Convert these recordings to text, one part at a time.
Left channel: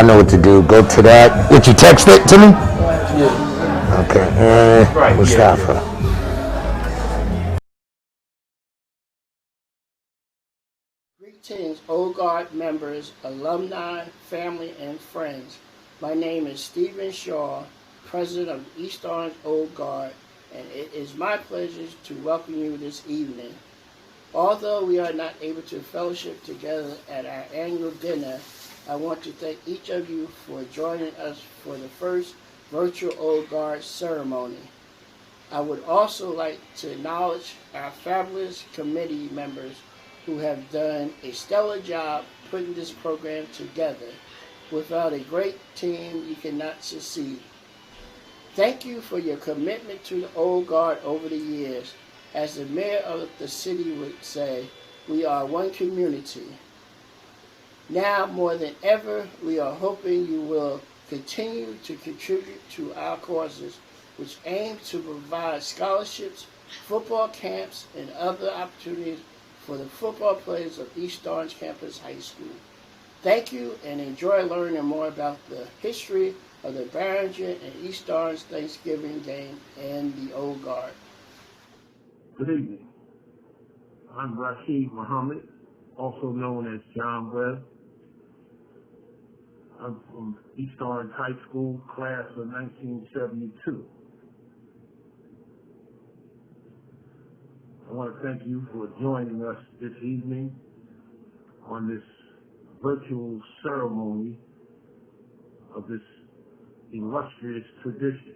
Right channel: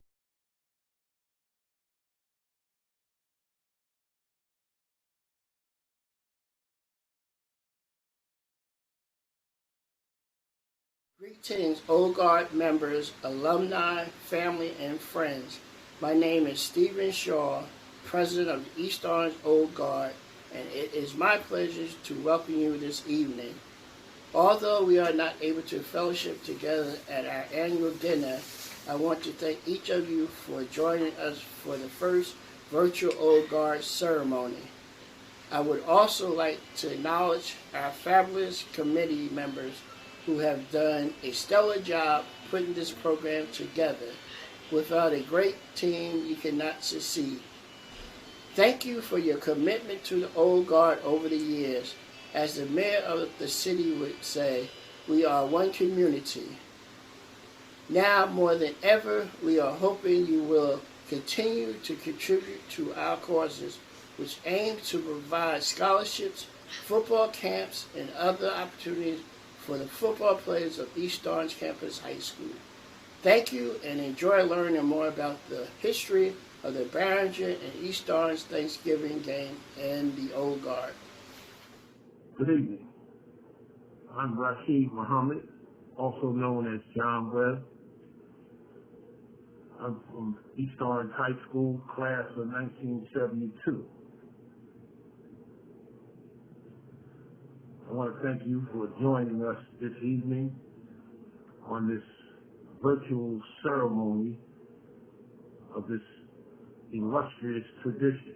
I know what to do. Go to that. Did you text it to me? Yeah. Okay. And Mustafa. Greetings, Old Guard members, alumni, family, and friends. My name is Stephen Shaw, President of the East Orange Old Guard, and it is my pleasure to welcome you this evening. Although we are not able to fellowship together at our annual dinner, I want to thank each of you for joining us for the first virtual Old Guard ceremony. I would also like to acknowledge our fabulous committee members who have done a stellar job putting this program together. Without a great team, you cannot succeed. Thank you for your commitment to the Old Guard over the years. As the mayor of the city would say, we are one community. Now more than ever, we are hoping you will continue to contribute to our causes, which aim to provide scholarships, football camps, and other opportunities for the football players of East Orange Campus High School. Thank you and enjoy learning more about the history of the Barringer and East Orange Thanksgiving game and the Old Guard. Good evening. I'm Rashid Muhammad, also known as John Webb. I'm from East Orange High School, class of 1972. I want to thank you for joining us this evening on this virtual ceremony of this illustrious tradition.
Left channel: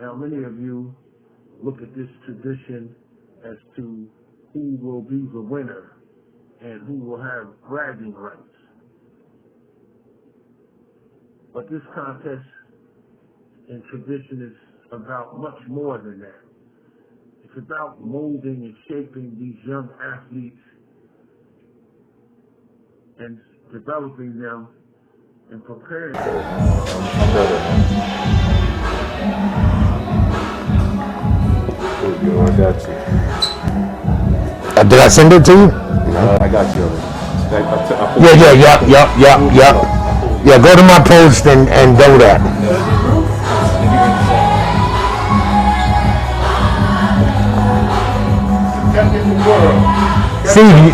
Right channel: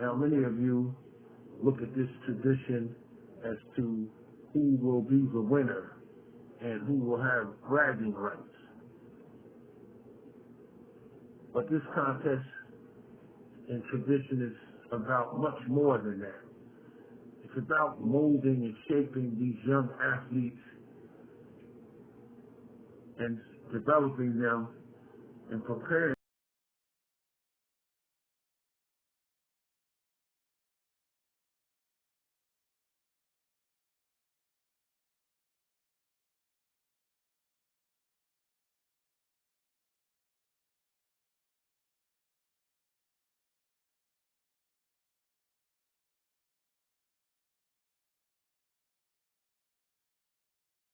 Now, many of you look at this tradition as to who will be the winner and who will have bragging rights. But this contest and tradition is about much more than that. It's about molding and shaping these young athletes and developing them and preparing them. I got you. Did I send it to you? I got you. Yeah, go to my post and do that. See.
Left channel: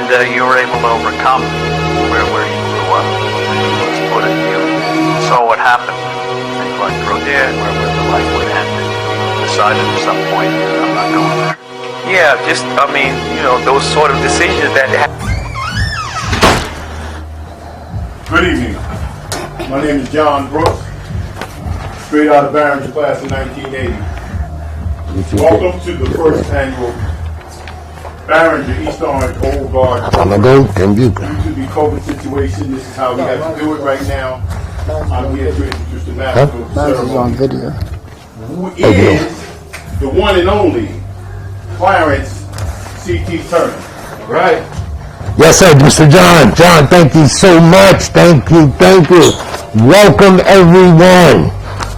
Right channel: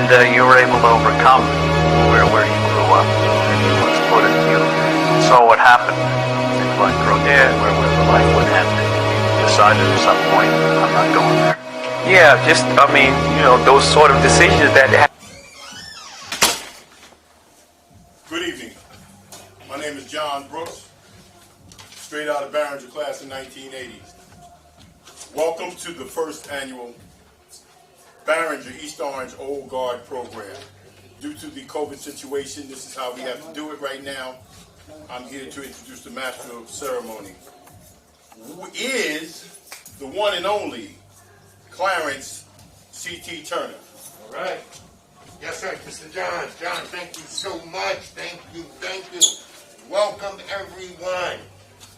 And you were able to overcome where you grew up, and you saw what happened, and you went through there where the life would end, and you decided at some point, I'm not going there. Yeah, just, I mean, you know, those sort of decisions that Good evening. My name is John Brooks, straight out of Barringer class in 1980. Welcome to the first annual Barringer East Orange Old Guard program. Due to the COVID situation, this is how we have to do it right now. I'm here to introduce the national ceremony. on video. Who is the one and only Clarence C.T. Turner. All right. Yes, sir, Mr. John. John, thank you so much. Thank you. Welcome, everyone.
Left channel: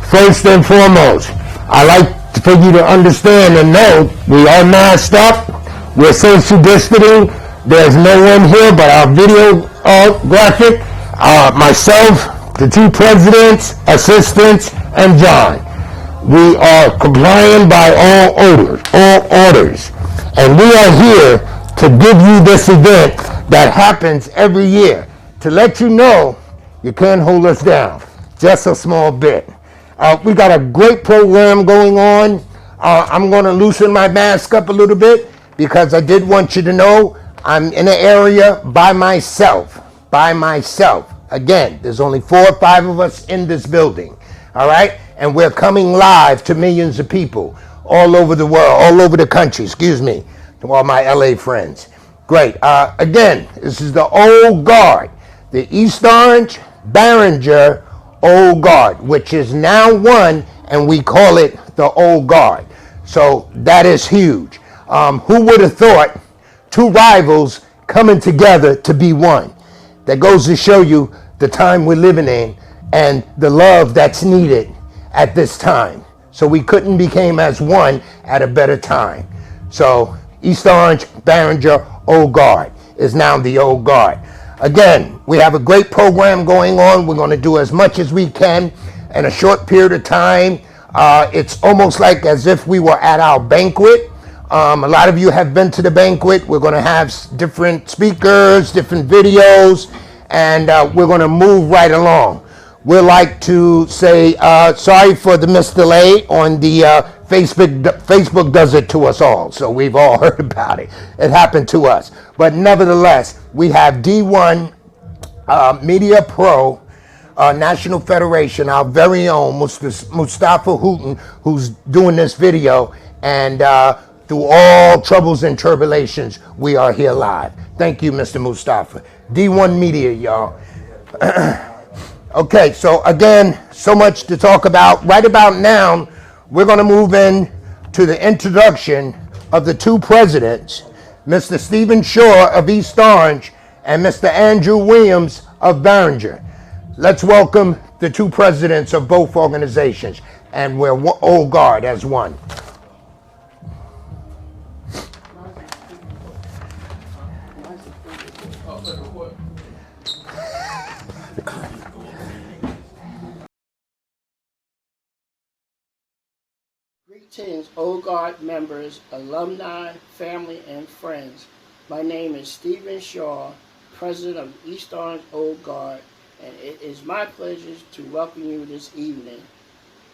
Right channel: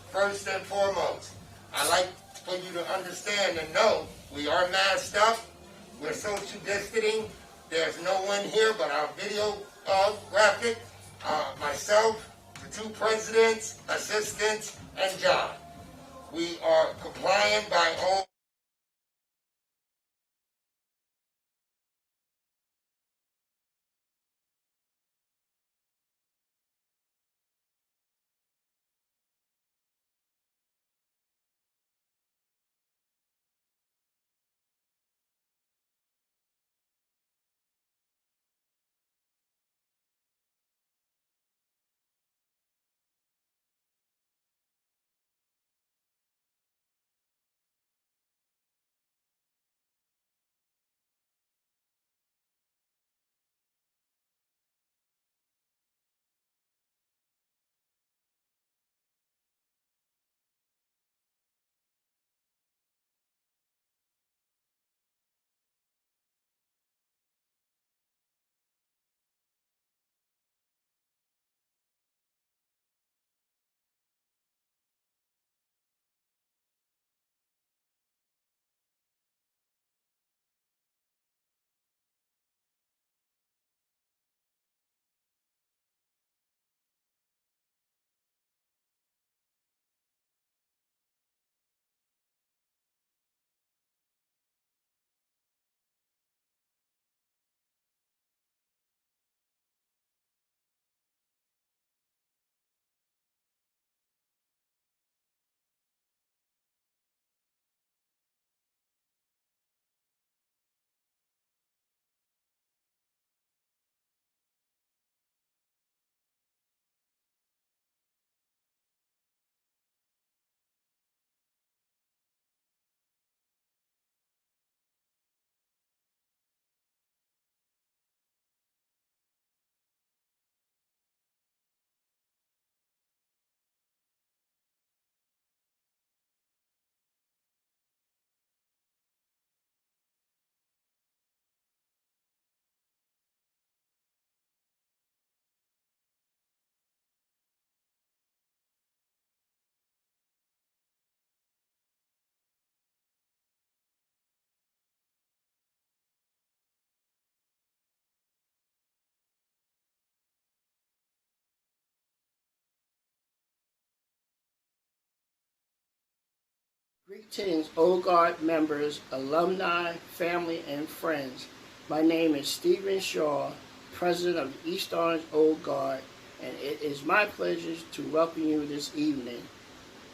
First and foremost, I like for you to understand and know we are masked up. We're social distancing. There's no one here but our video graphic, myself, the two presidents, assistants, and John. We are complying by all orders. And we are here to give you this event that happens every year to let you know you can't hold us down, just a small bit. We got a great program going on. I'm going to loosen my mask up a little bit because I did want you to know I'm in an area by myself. Again, there's only 4 or 5 of us in this building, all right? And we're coming live to millions of people all over the world, all over the country, to all my LA friends. Great. Again, this is the Old Guard, the East Orange Barringer Old Guard, which is now one, and we call it the Old Guard. So that is huge. Who would have thought 2 rivals coming together to be one? That goes to show you the time we're living in and the love that's needed at this time. So we couldn't become as one at a better time. So East Orange Barringer Old Guard is now the Old Guard. Again, we have a great program going on. We're going to do as much as we can in a short period of time. It's almost like as if we were at our banquet. A lot of you have been to the banquet. We're going to have different speakers, different videos, and we're going to move right along. We'd like to say sorry for the missed delay on the Facebook. Facebook does it to us all, so we've all heard about it. It happened to us. But nevertheless, we have D1 Media Pro National Federation, our very own Mustafa Hooten, who's doing this video. And through all troubles and tribulations, we are here live. Thank you, Mr. Mustafa. D1 Media, y'all. Okay, so again, so much to talk about. Right about now, we're going to move in to the introduction of the 2 presidents, Mr. Stephen Shaw of East Orange and Mr. Andrew Williams of Barringer. Let's welcome the 2 presidents of both organizations, and we're Old Guard as one. Greetings, Old Guard members, alumni, family, and friends. My name is Stephen Shaw, President of East Orange Old Guard, and it is my pleasure to welcome you this evening.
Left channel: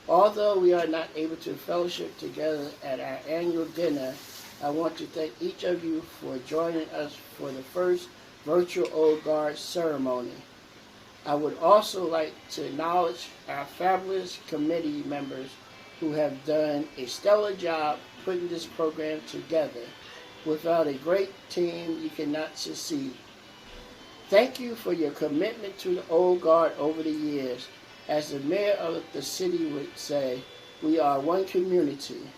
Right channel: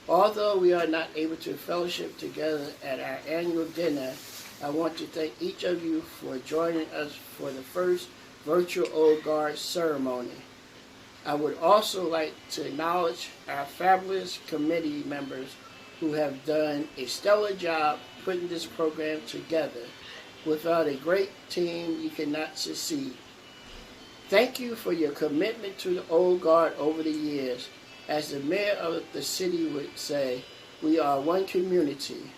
Although we are not able to fellowship together at our annual dinner, I want to thank each of you for joining us for the first virtual Old Guard ceremony. I would also like to acknowledge our fabulous committee members who have done a stellar job putting this program together. Without a great team, you cannot succeed. Thank you for your commitment to the Old Guard over the years. As the mayor of the city would say, we are one community.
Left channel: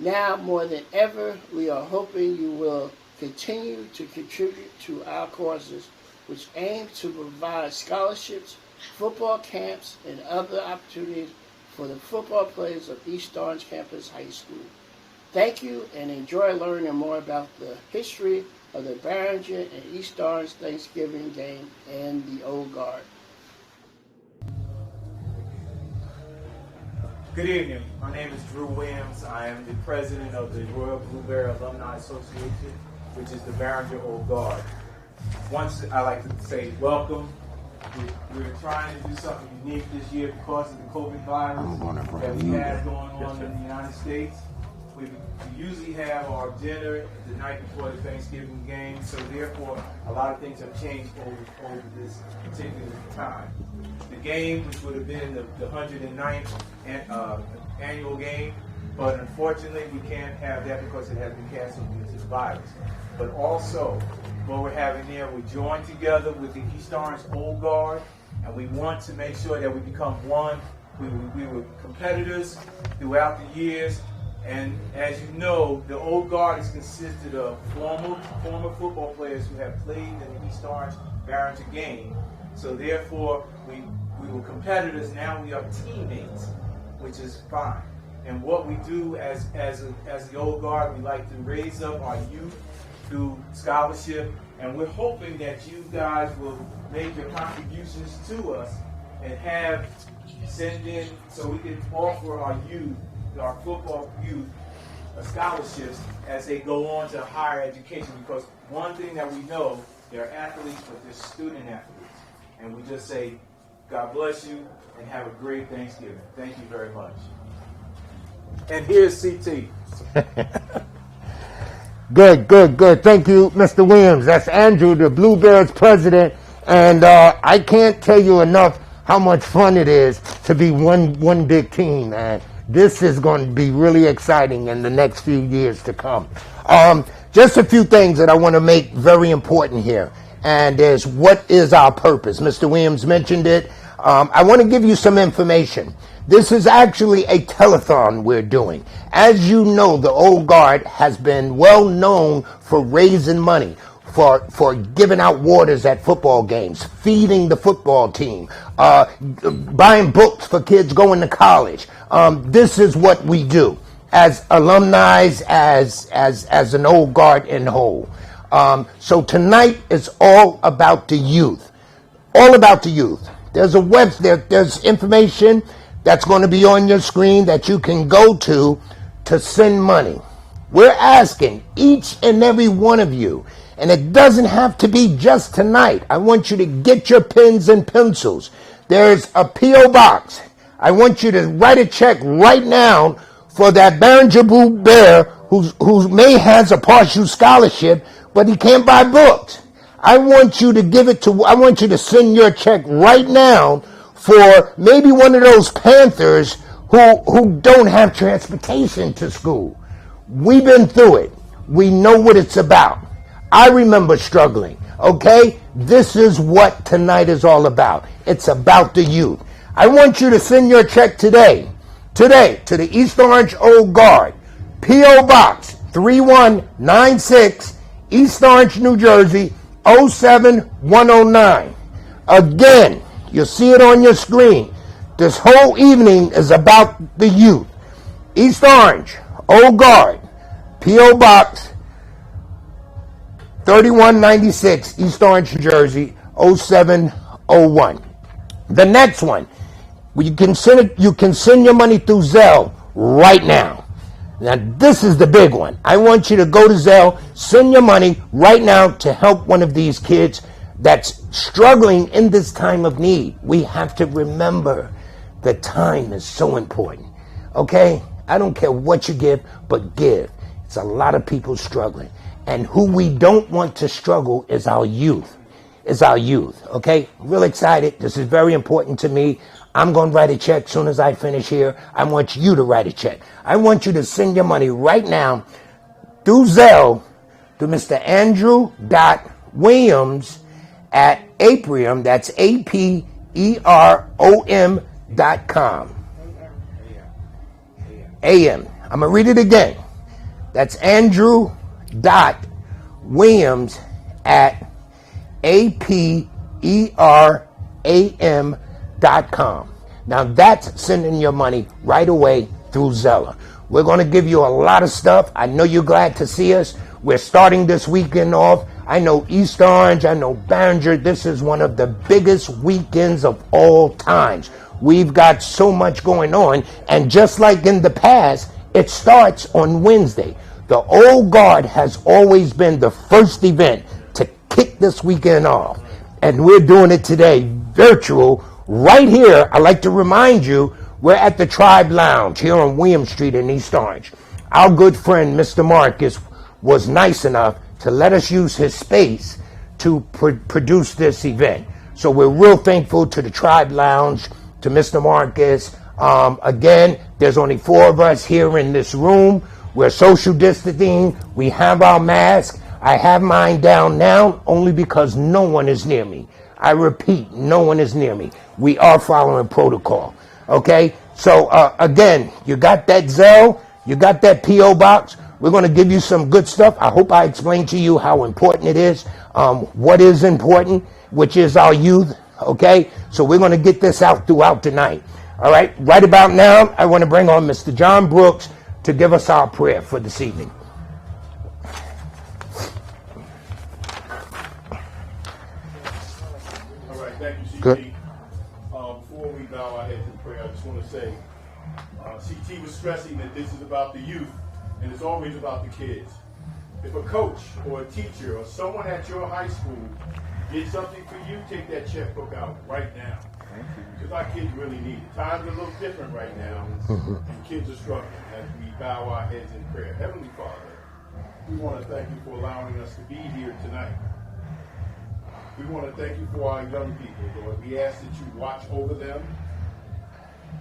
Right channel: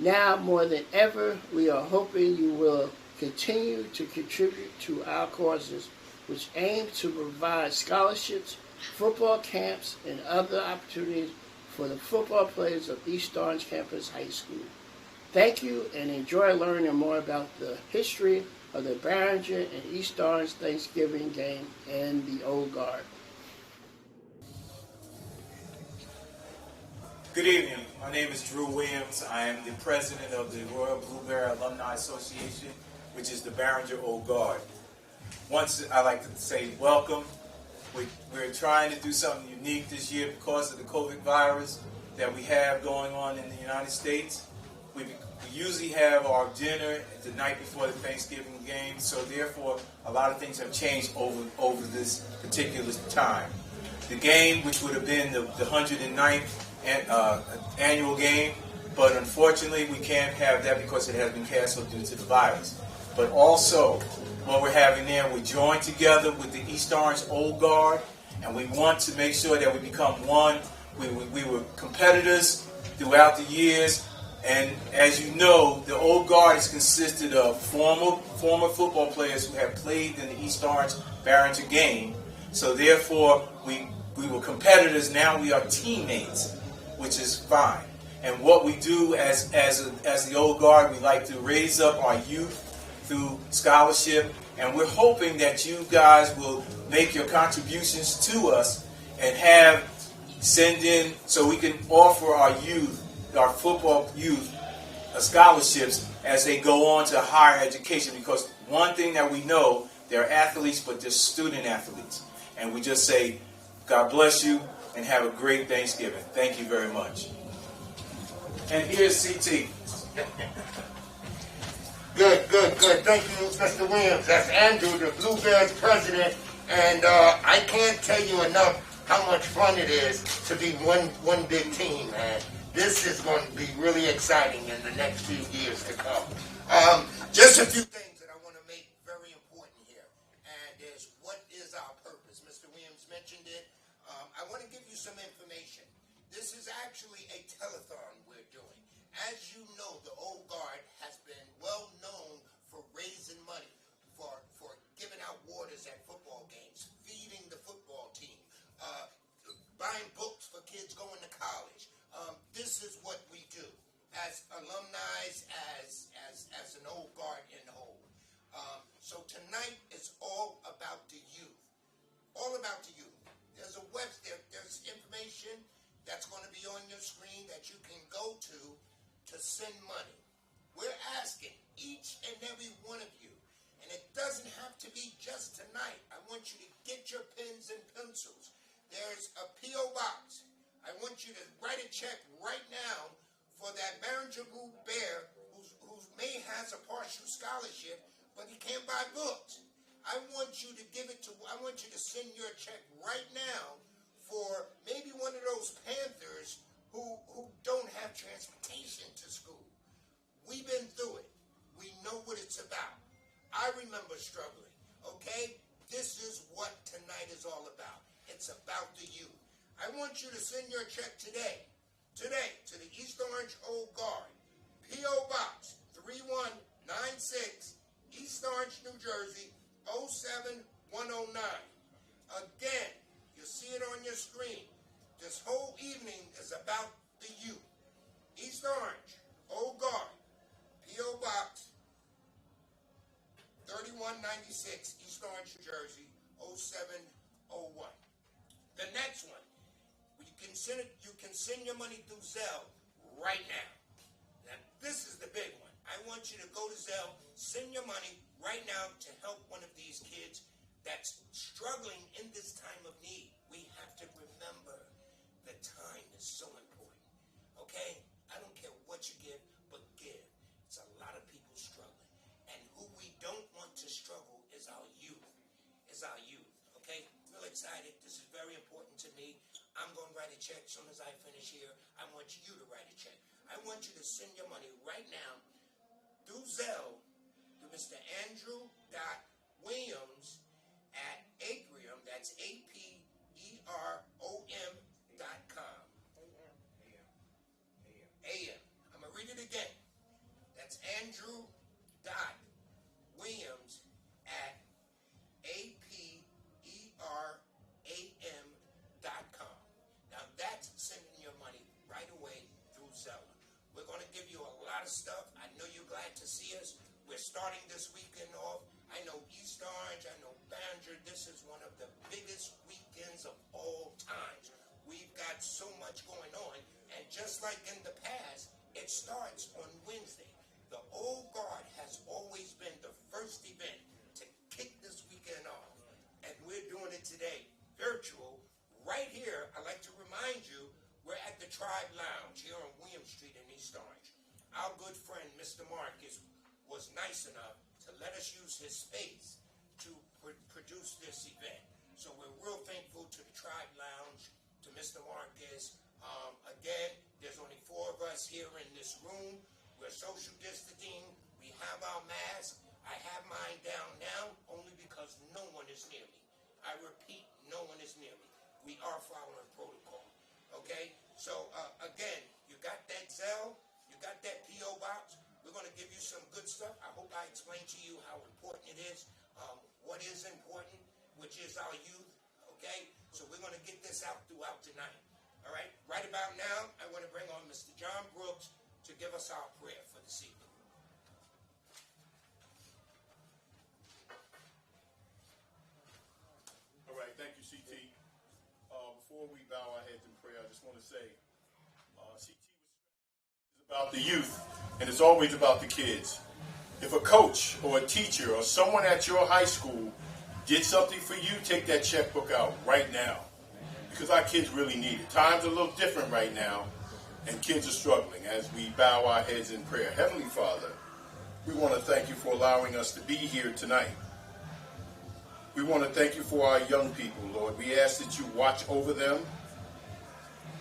Now more than ever, we are hoping you will continue to contribute to our causes, which aim to provide scholarships, football camps, and other opportunities for the football players of East Orange Campus High School. Thank you and enjoy learning more about the history of the Barringer and East Orange Thanksgiving game and the Old Guard. Good evening. My name is Drew Williams. I am the president of the Royal Blueberry Alumni Association. which is the Barringer Old Guard. Once I like to say welcome. We're trying to do something unique this year because of the COVID virus that we have going on in the United States. We usually have our dinner the night before the Thanksgiving game, so therefore a lot of things have changed over this particular time. The game, which would have been the 109th annual game, but unfortunately we can't have that because it has been canceled due to the virus. But also, what we're having there, we join together with the East Orange Old Guard, and we want to make sure that we become one. We were competitors throughout the years, and as you know, the Old Guard is consisted of former football players who have played in the East Orange Barringer game. So therefore, we were competitors. Now we are teammates, which is fine. And what we do as the Old Guard, we like to raise up our youth through scholarship, and we're hoping that you guys will make your contributions to us and send in so we can offer our youth, our football youth, scholarships as they go on to higher education, because one thing that we know, they're athletes, but they're student athletes. And we just say, God bless you and have a great Thanksgiving. Thank you very much. And here's CT. Good. Thank you, Mr. Williams. That's Andrew, the Blue Bears president. And I can't tell you enough how much fun it is to be one big team, man. This is going to be really exciting in the next few years to come. Just a few things that I want to make very important here. And is what is our purpose? Mr. Williams mentioned it. I want to give you some information. This is actually a telethon we're doing. As you know, the Old Guard has been well known for raising money, for giving out waters at football games, feeding the football team, buying books for kids going to college. This is what we do as alumni, as an Old Guard in whole. So tonight is all about the youth. All about the youth. There's there's information that's going to be on your screen that you can go to send money. We're asking each and every one of you, and it doesn't have to be just tonight. I want you to get your pens and pencils. There's a P.O. box. I want you to write a check right now for that Barringer Blue Bear who may has a partial scholarship, but he can't buy books. I want you to send your check right now for maybe one of those Panthers who don't have transportation to school. We've been through it. We know what it's about. I remember struggling, okay? This is what tonight is all about. It's about the youth. I want you to send your check today to the East Orange Old Guard, P.O. Box 3196, East Orange, New Jersey, 07109. Again, you'll see it on your screen. This whole evening is about the youth. East Orange, Old Guard, P.O. Box 3196, East Orange, New Jersey, 0701. The next one, you can send your money through Zelle right now. Now, this is the big one. I want you to go to Zelle, send your money right now to help one of these kids that's struggling in this time of need. We have to remember that time is so important, okay? I don't care what you give, but give. It's a lot of people struggling. And who we don't want to struggle is our youth. Okay? I'm real excited. This is very important to me. I'm going to write a check as soon as I finish here. I want you to write a check. I want you to send your money right now through Zelle to Mr. Andrew.Williams at Apreom. That's APEROM.com. AM. I'm going to read it again. That's Andrew.Williams at APERAM.com. Now that's sending your money right away through Zelle. We're going to give you a lot of stuff. I know you're glad to see us. We're starting this weekend off. I know East Orange, I know Barringer. This is one of the biggest weekends of all times. We've got so much going on. And just like in the past, it starts on Wednesday. The Old Guard has always been the first event to kick this weekend off. And we're doing it today, virtual, right here. I'd like to remind you, we're at the Tribe Lounge here on William Street in East Orange. Our good friend, Mr. Marcus, was nice enough to let us use his space to produce this event. So we're real thankful to the Tribe Lounge, to Mr. Marcus. Again, there's only 4 of us here in this room. We're social distancing. We have our masks. I have mine down now only because no one is near me. I repeat, no one is near me. We are following protocol. Okay? So, again, you got that Zelle, you got that P.O. box. We're going to give you some good stuff. I hope I explained to you how important it is, what is important, which is our youth. Okay? So we're going to get this out throughout the night. All right? Right about now, I want to bring on Mr. John Brooks to give us our prayer for this evening. All right, thank you, CT. Good. Before we bow our heads in prayer, I just want to say, CT was stressing that this is about the youth, and it's always about the kids. If a coach or a teacher or someone at your high school did something for you, take that checkbook out right now. Because our kids really need it. Times are a little different right now, and kids are struggling. As we bow our heads in prayer, Heavenly Father, we want to thank you for allowing us to be here tonight. We want to thank you for our young people, Lord. We ask that you watch over them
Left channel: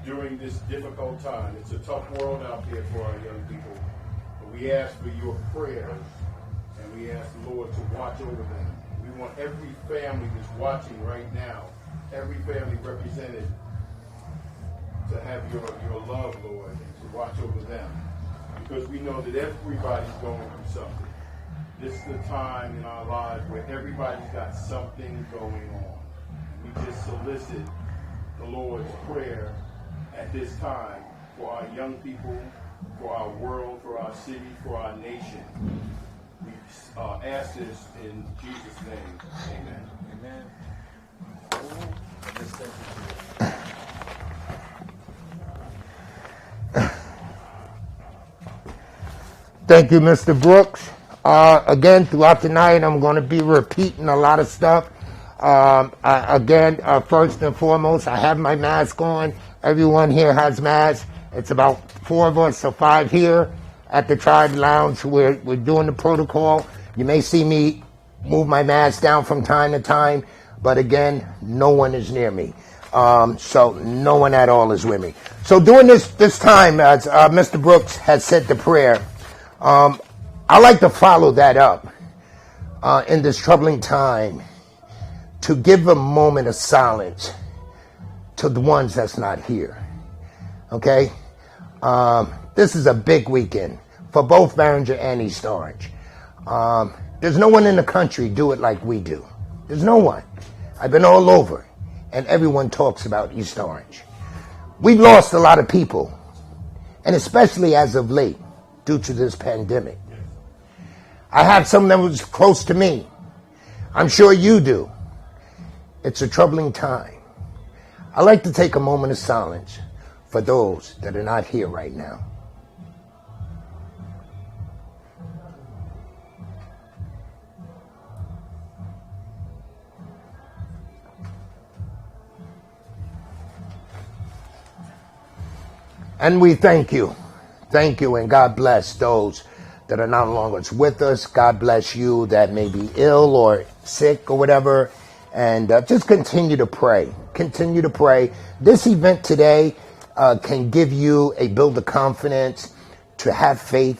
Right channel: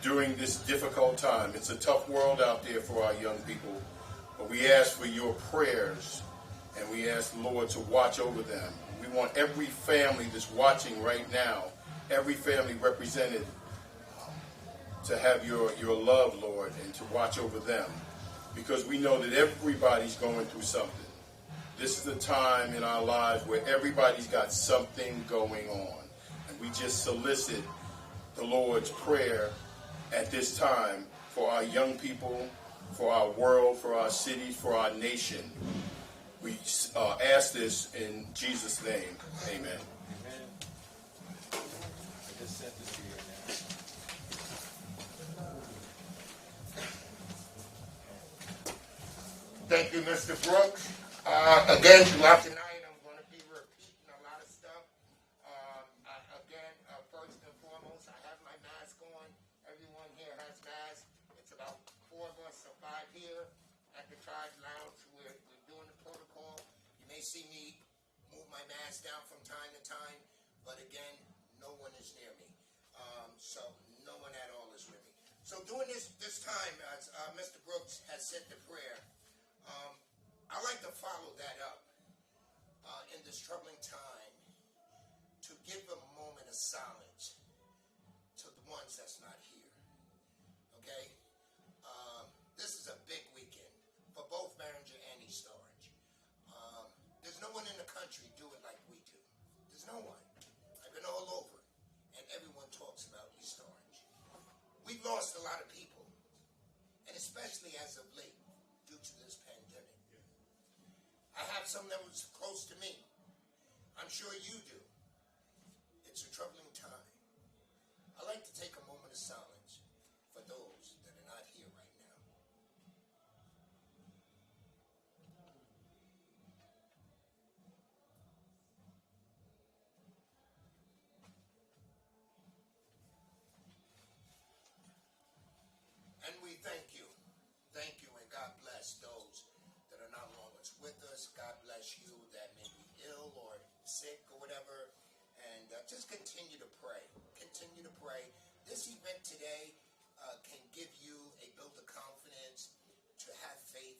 during this difficult time. It's a tough world out there for our young people, but we ask for your prayers, and we ask the Lord to watch over them. We want every family that's watching right now, every family represented, to have your love, Lord, and to watch over them, because we know that everybody's going through something. This is the time in our lives where everybody's got something going on, and we just solicit the Lord's prayer at this time for our young people, for our world, for our cities, for our nation. We ask this in Jesus' name. Amen. Thank you, Mr. Brooks. Again, throughout the night, I'm going to be repeating a lot of stuff. First and foremost, I have my mask on. Everyone here has masks. It's about 4 of us, so 5 here at the Tribe Lounge. We're doing the protocol. You may see me move my mask down from time to time, but again, no one is near me. So no one at all is with me. So during this time, as Mr. Brooks has said the prayer, I like to follow that up in this troubling time to give a moment of silence to the ones that's not here. Okay? This is a big weekend for both Barringer and East Orange. There's no one in the country do it like we do. There's no one. I've been all over, and everyone talks about East Orange. We've lost a lot of people, and especially as of late, due to this pandemic. I have some that was close to me. I'm sure you do. It's a troubling time. I like to take a moment of silence for those that are not here right now. And we thank you. Thank you, and God bless those that are no longer with us. God bless you that may be ill or sick or whatever. And just continue to pray. Continue to pray. This event today can give you a build of confidence to have faith,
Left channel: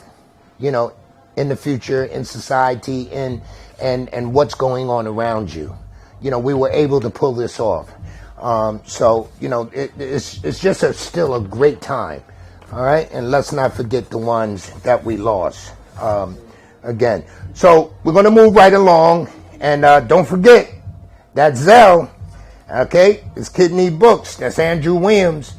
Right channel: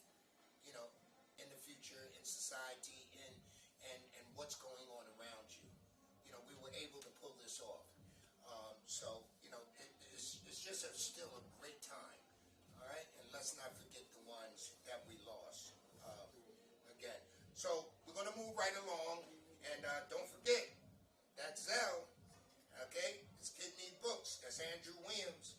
in the future, in society, and what's going on around you. We were able to pull this off. It's just still a great time. All right, and let's not forget the ones that we lost again. So we're going to move right along, and don't forget that Zelle, okay, is Kid Need Books. That's Andrew Williams,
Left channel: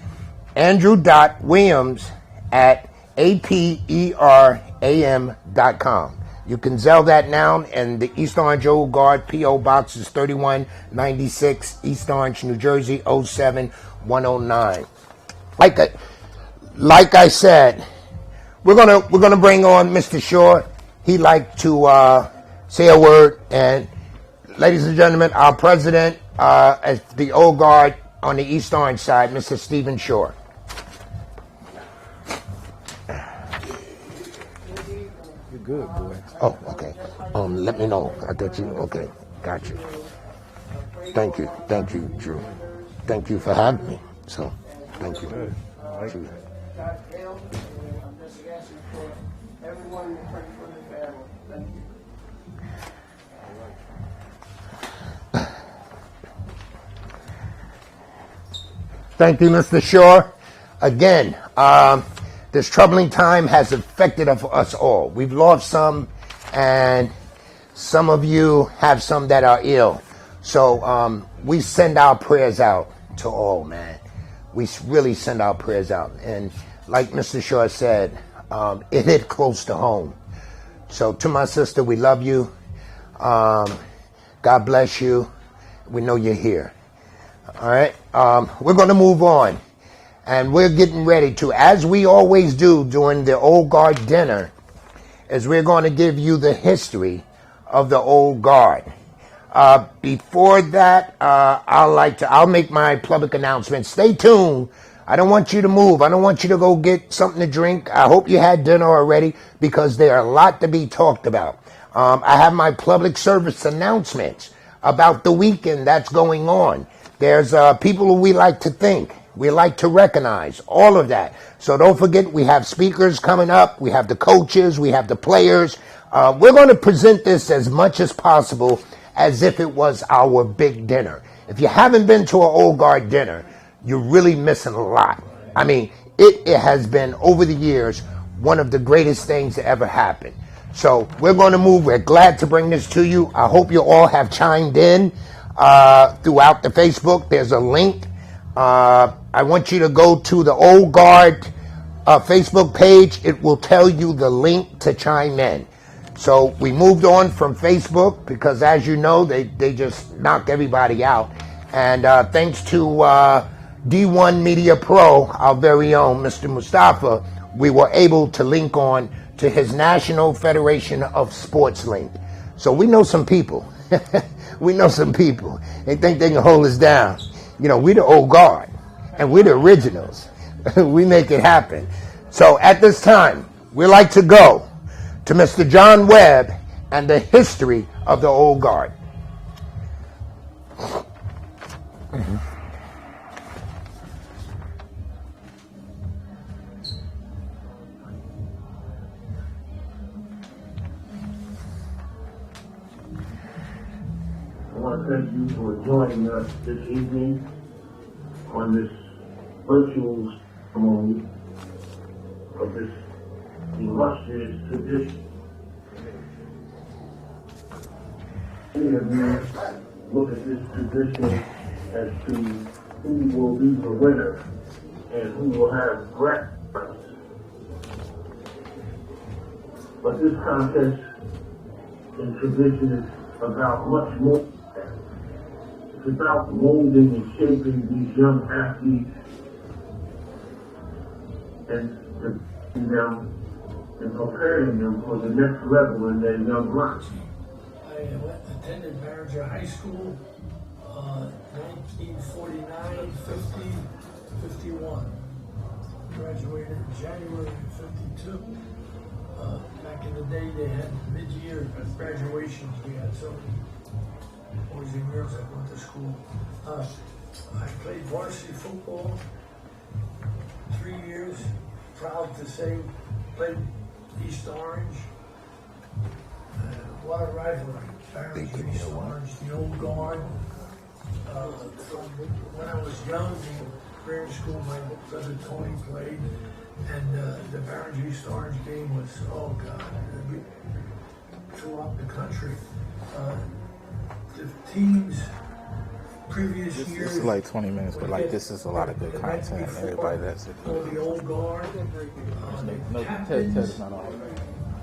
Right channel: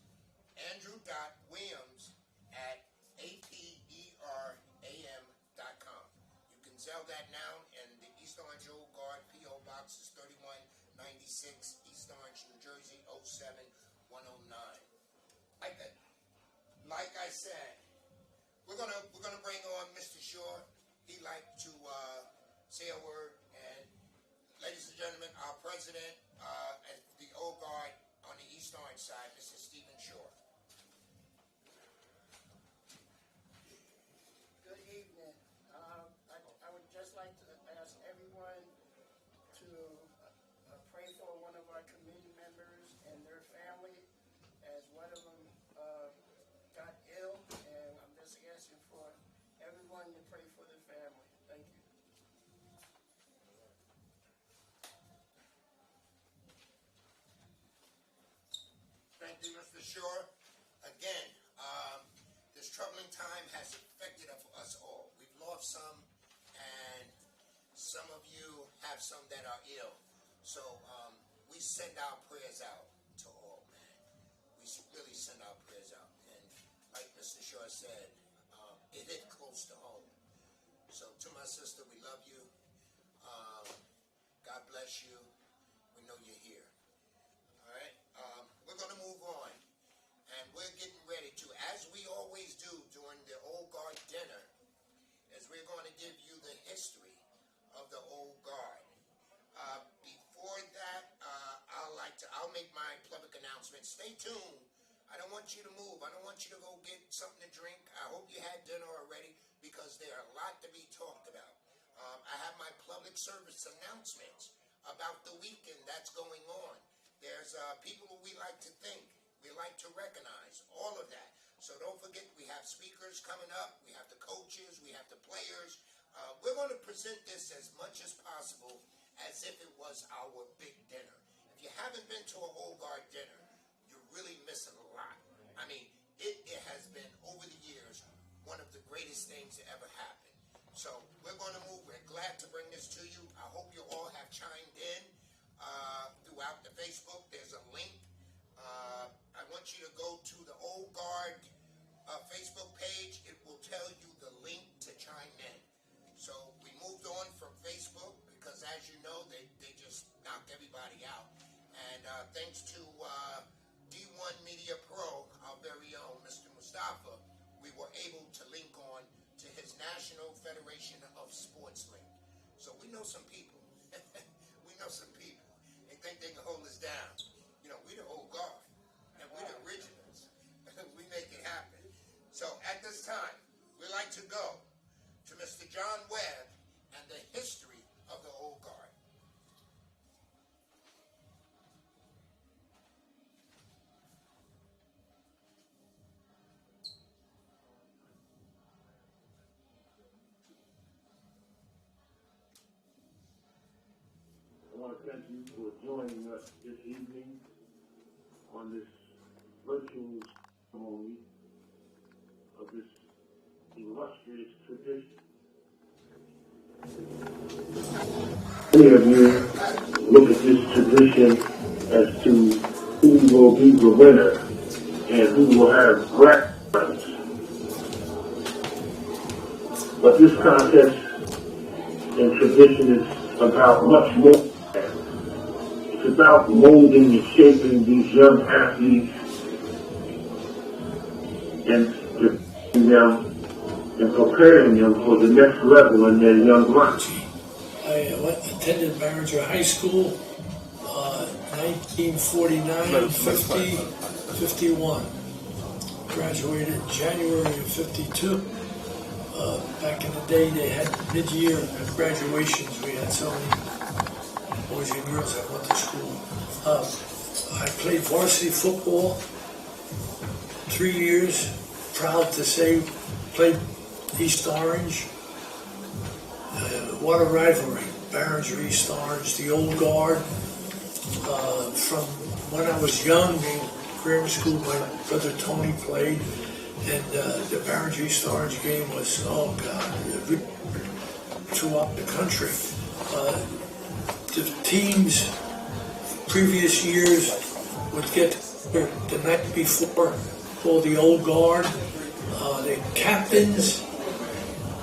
andrew.williams@aperam.com. You can Zelle that now, and the East Orange Old Guard P.O. Box is 3196, East Orange, New Jersey, 07109. Like I said, we're gonna bring on Mr. Shaw. He'd like to say a word. And ladies and gentlemen, our president as the Old Guard on the East Orange side, Mr. Stephen Shaw. You're good, boy. Oh, okay. Let me know. I thought you. Okay, got you. Thank you, Drew. Thank you for having me. So, thank you. Good. I like Drew. I'm just asking for everyone to pray for the family. Thank you. Thank you, Mr. Shaw. Again, this troubling time has affected us all. We've lost some, and some of you have some that are ill. So we send our prayers out to all, man. We really send our prayers out. And like Mr. Shaw said, it hit close to home. So to my sister, we love you. God bless you. We know you're here. All right, we're going to move on, and we're getting ready to, as we always do during the Old Guard dinner, is we're going to give you the history of the Old Guard. Before that, I'll make my public announcement. Stay tuned. I don't want you to move. I don't want you to go get something to drink. I hope you had dinner already, because there are a lot to be talked about. I have my public service announcements about the weekend that's going on. There's people who we like to think, we like to recognize, all of that. So don't forget, we have speakers coming up, we have the coaches, we have the players. We're going to present this as much as possible as if it was our big dinner. If you haven't been to an Old Guard dinner, you're really missing a lot. I mean, it has been, over the years, one of the greatest things to ever happen. So we're going to move. We're glad to bring this to you. I hope you all have chimed in. Throughout the Facebook, there's a link. I want you to go to the Old Guard Facebook page. It will tell you the link to chime in. So we moved on from Facebook because, as you know, they just knocked everybody out. And thanks to D1 Media Pro, our very own Mr. Mustafa, we were able to link on to his National Federation of Sports link. So we know some people. We know some people. They think they can hold us down. You know, we're the Old Guard, and we're the originals. We make it happen. So at this time, we like to go to Mr. John Webb and the history of the Old Guard. I want to thank you for joining us this evening on this virtual ceremony of this illustrious tradition. Many of you look at this tradition as to who will be the winner and who will have grand prizes. But this contest and tradition is about much more. It's about molding and shaping these young athletes and them and preparing them for the next level in their young life. I attended Barringer High School, 1949, 50, 51. Graduated in January of 52. Back in the day, they had mid-year graduations. We had so many boys and girls that went to school. I played varsity football 3 years. Proud to say, played East Orange. What a rivalry. Barringer, East Orange, the Old Guard. From when I was young, in grammar school, my brother Tony played. And the Barringer East Orange game was, oh God, throughout the country. The teams previous years would get the night before called the Old Guard. The captains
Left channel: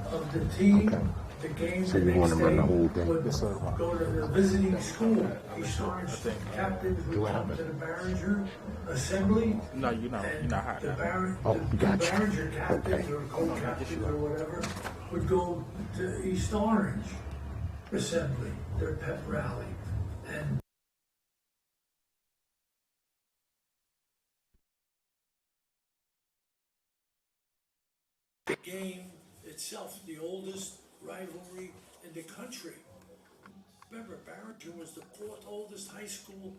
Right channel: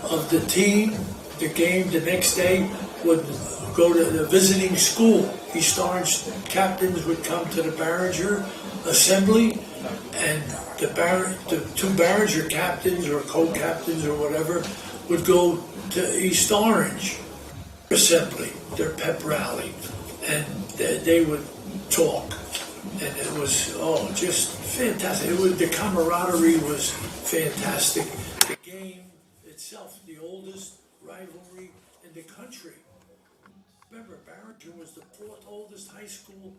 of the team the game the next day would go to the visiting school. East Orange captains would come to the Barringer assembly, and the two Barringer captains or co-captains or whatever would go to East Orange assembly, their pep rally, and they would talk, and it was just fantastic. The camaraderie was fantastic. The game itself, the oldest rivalry in the country. Remember, Barrington was the fourth oldest high school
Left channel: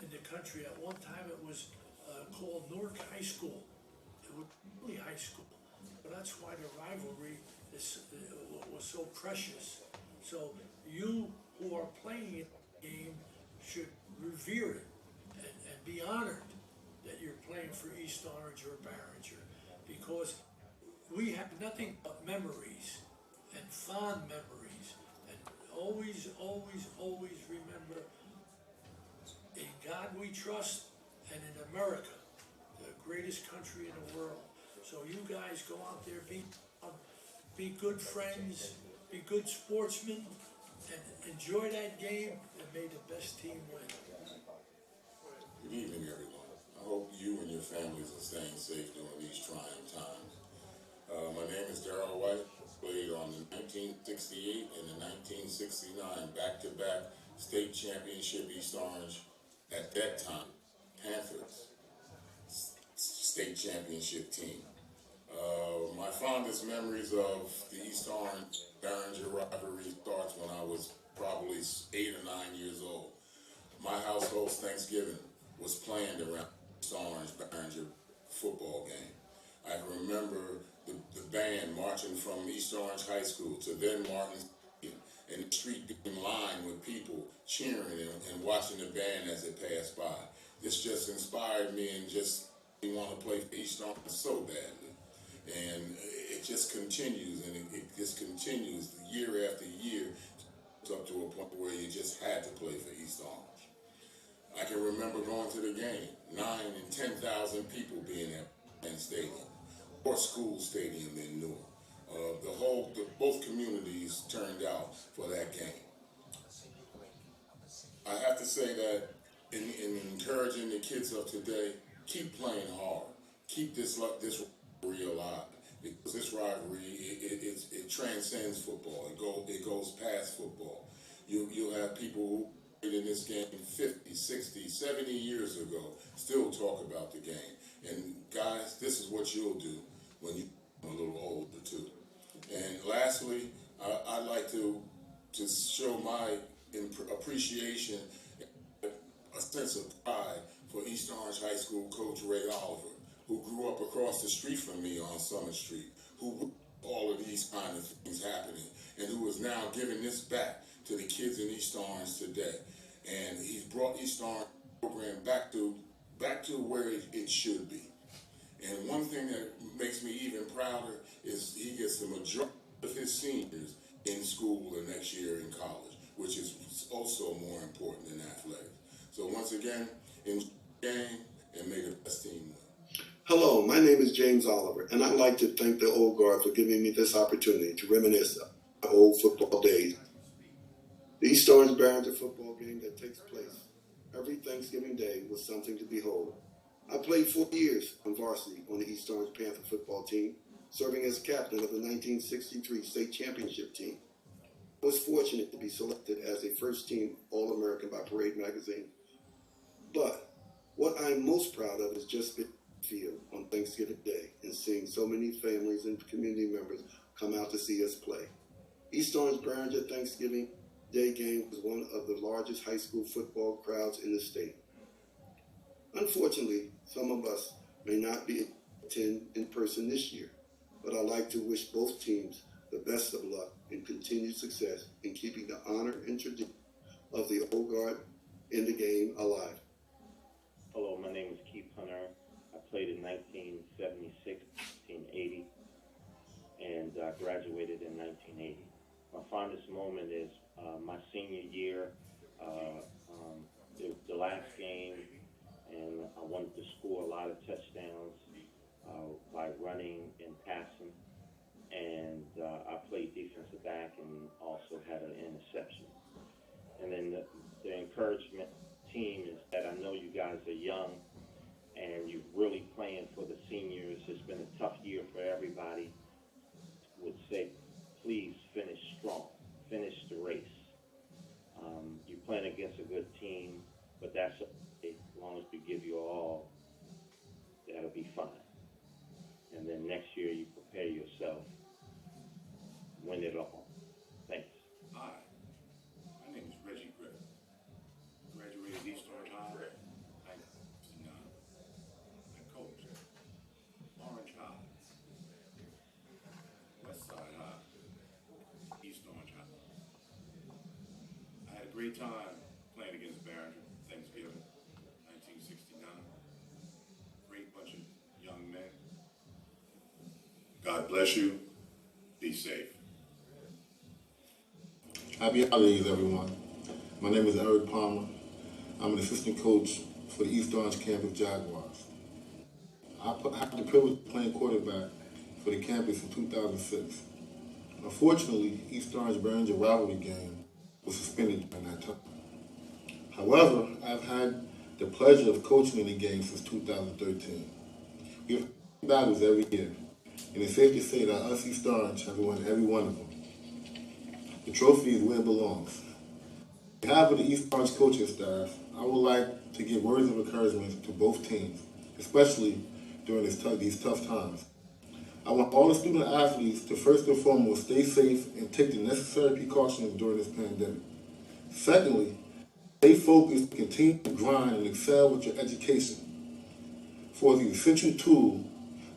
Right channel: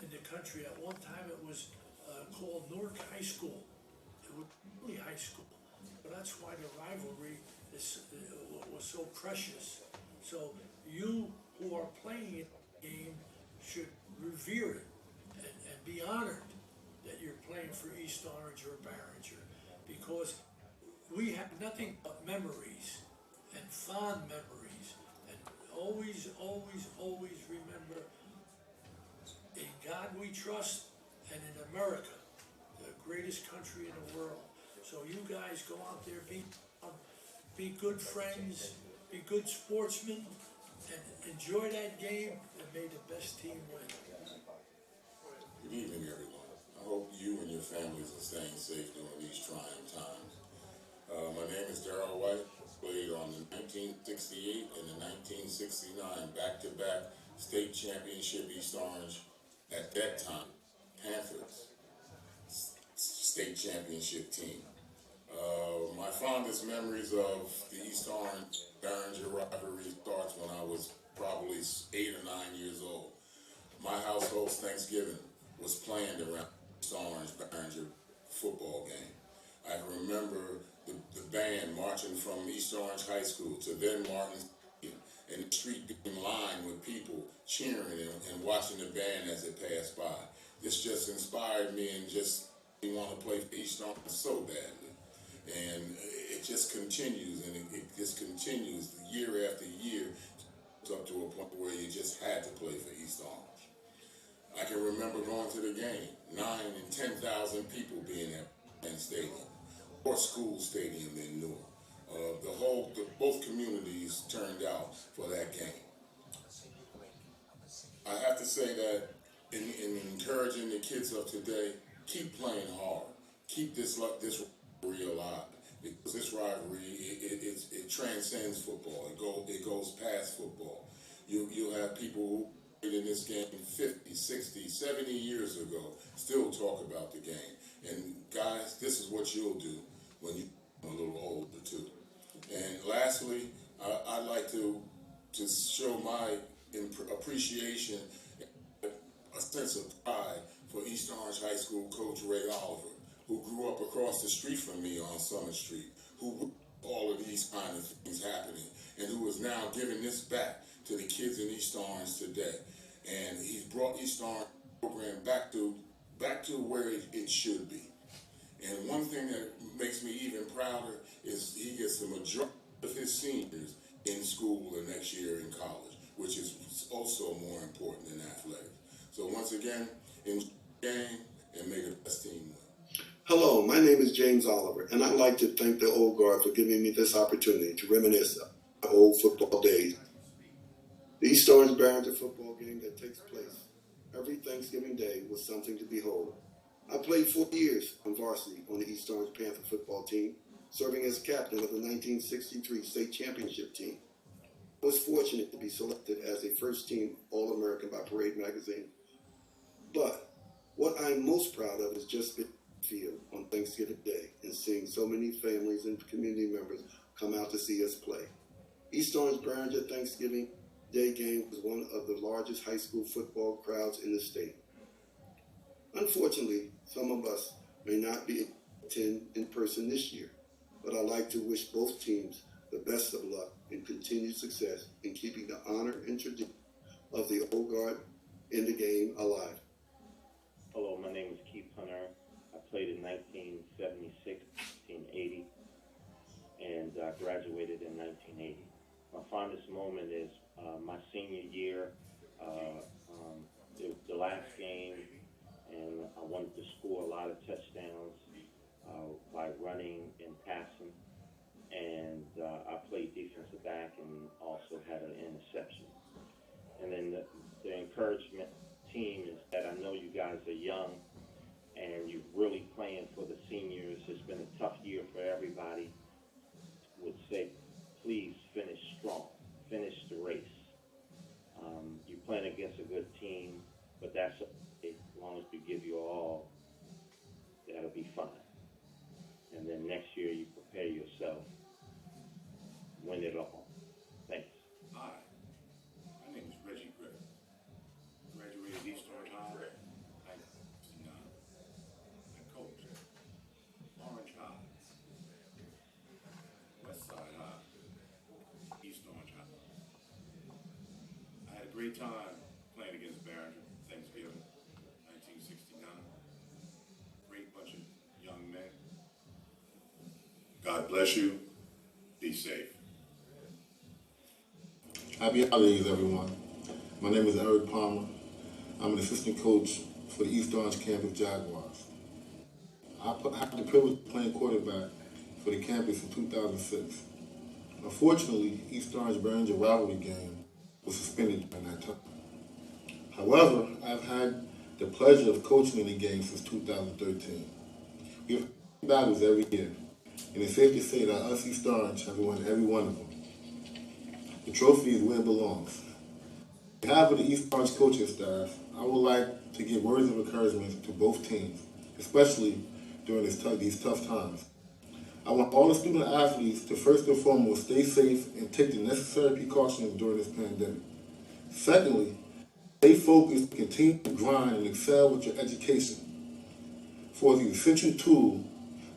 in the country. At one time, it was called Newark High School. It was really high school, but that's why the rivalry was so precious. So you who are playing the game should revere it and be honored that you're playing for East Orange or Barringer, because we have nothing but memories and fond memories, and always, always, always remember, in God we trust, and in America, the greatest country in the world. So you guys go out there, be good friends, be good sportsmen, and enjoy that game, and may the best team win. Good evening, everyone. I hope you and your families are staying safe during these trying times. My name is Darrell White. Played on the 1968 and the 1969 back-to-back state championship East Orange, at that time, Panthers state championship team. My fondest memories of the East Orange Barringer rivalry starts when I was probably 8 or 9 years old. My household's Thanksgiving was planned around East Orange Barringer football game. I can remember the band marching from East Orange High School to then Martin Stadium, and the street being lined with people cheering and watching the band as it passed by. This just inspired me and just want to play for East Orange so badly. And it just continues, and it just continues year after year, up to a point where you just had to play for East Orange. I can remember going to the game, 9,000 and 10,000 people being at Penn Stadium, or school stadium in Newark. Both communities turned out for that game. I have to say that in encouraging the kids of today, keep playing hard, keep this rivalry alive, because this rivalry it transcends football. It goes past football. You'll have people who played in this game 50, 60, 70 years ago still talk about the game. And guys, this is what you'll do when you become a little older too. And lastly, I'd like to show my appreciation, a sense of pride for East Orange High School coach Ray Oliver, who grew up across the street from me on Summer Street, who all of these kind of things happening, and who is now giving this back to the kids in East Orange today. And he's brought East Orange program back to where it should be. And one thing that makes me even prouder is he gets the majority of his seniors in school the next year in college, which is also more important than athletics. So once again, enjoy the game and may the best team win. Hello, my name is James Oliver, and I'd like to thank the Old Guard for giving me this opportunity to reminisce of my old football days. The East Orange Barringer football game that takes place every Thanksgiving Day was something to behold. I played 4 years on varsity on the East Orange Panther football team, serving as captain of the 1963 state championship team. I was fortunate to be selected as a first-team All-American by Parade magazine. But what I'm most proud of is just being on the field on Thanksgiving Day and seeing so many families and community members come out to see us play. East Orange Barringer Thanksgiving Day game was one of the largest high school football crowds in the state. Unfortunately, some of us may not be able to attend in person this year, but I'd like to wish both teams the best of luck and continued success in keeping the honor and tradition of the Old Guard in the game alive. Hello, my name is Keith Hunter. I played in 1976, 1980, and I graduated in 1980. My fondest moment is my senior year, the last game, and I wanted to score a lot of touchdowns by running and passing. And I played defensive back, and year you prepare yourself, win it all. Thanks. Hi, my name is Reggie Griffin. Graduated East Orange High, 1969. I coached Orange High, West Side High, East Orange High. I had a great time playing against Barringer, Thanksgiving, 1969. Great bunch of young men. God bless you. Be safe. Happy holidays, everyone. My name is Eric Palmer. I'm an assistant coach for the East Orange campus Jaguars. I had the privilege of playing quarterback for the campus in 2006. Unfortunately, East Orange-Barringer rivalry game was suspended during that time. However, I've had the pleasure of coaching in the game since 2013. We have battles every year, and it's safe to say that us East Orange have won every one of them. The trophy is where it belongs. On behalf of the East Orange coaching staff, I would like to give words of encouragement to both teams, especially during these tough times. I want all the student athletes to first and foremost stay safe and take the necessary precautions during this pandemic. Secondly, stay focused, continue to grind and excel with your education for the essential tool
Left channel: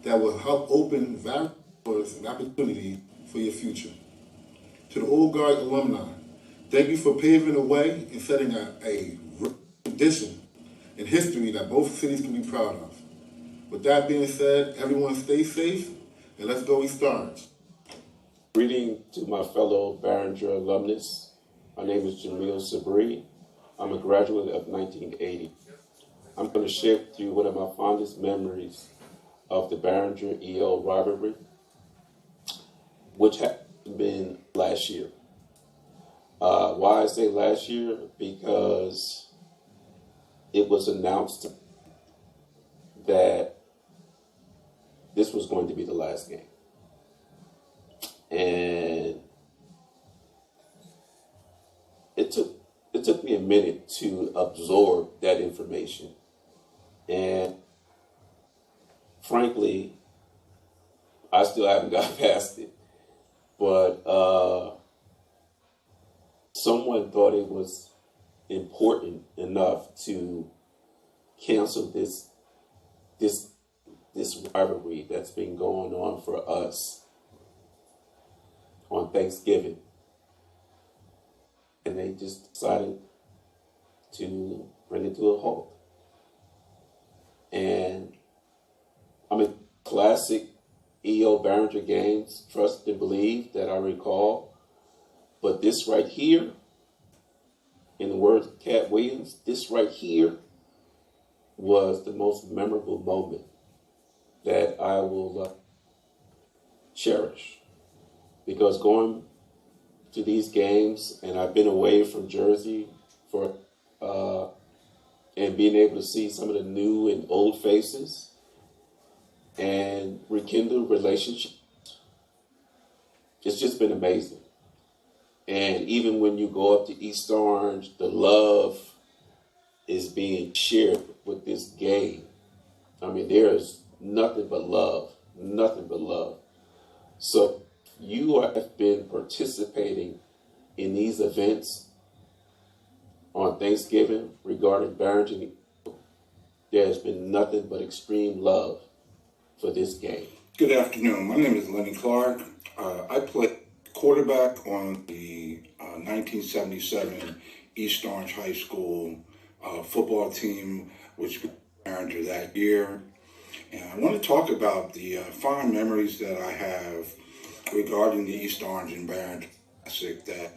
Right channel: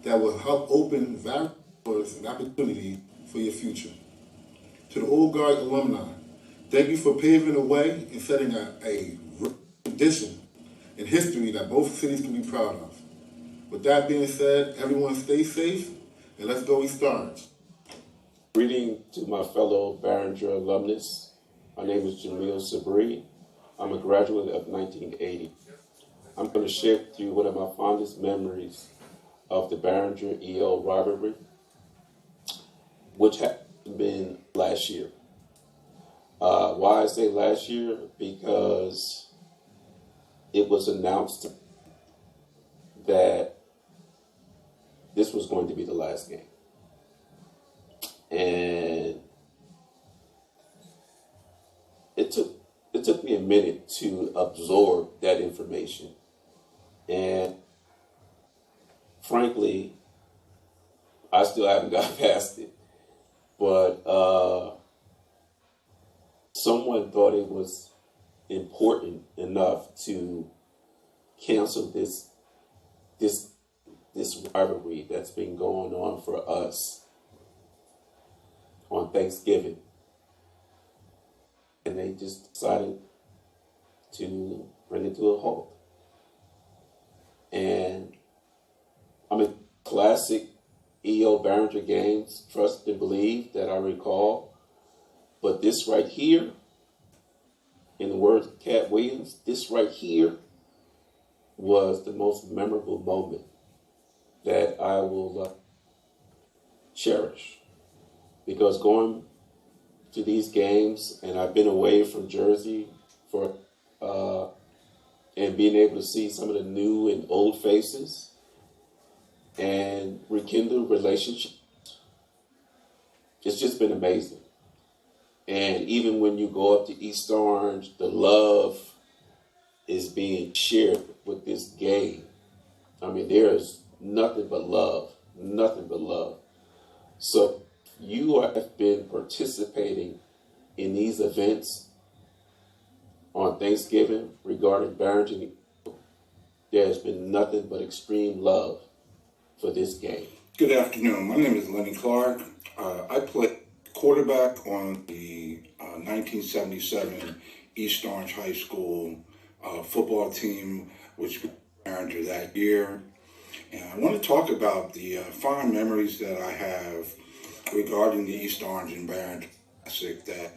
that will help open various doors and opportunities for your future. To the Old Guard alumni, thank you for paving the way and setting a tradition in history that both cities can be proud of. With that being said, everyone stay safe and let's go East Orange. Greeting to my fellow Barringer alumnus. My name is Jamil Sabri. I'm a graduate of 1980. I'm going to share with you one of my fondest memories of the Barringer EO rivalry, which happened been last year. Why I say last year? Because it was announced that this was going to be the last game. And it took me a minute to absorb that information. And frankly, I still haven't got past it. But someone thought it was important enough to cancel this rivalry that's been going on for us on Thanksgiving. And they just decided to bring it to a halt. And I mean, classic EO Barringer games, trust and believe, that I recall. But this right here, in the words of Cat Williams, this right here was the most memorable moment that I will cherish. Because going to these games, and I've been away from Jersey for, and being able to see some of the new and old faces, and rekindle relationships. It's just been amazing. And even when you go up to East Orange, the love is being shared with this game. I mean, there's nothing but love, nothing but love. So you have been participating in these events on Thanksgiving regarding Barrington. There's been nothing but extreme love for this game. Good afternoon. My name is Lenny Clark. I played quarterback on the 1977 East Orange High School football team, which was Barringer that year. And I want to talk about the fond memories that I have regarding the East Orange and Barringer Classic that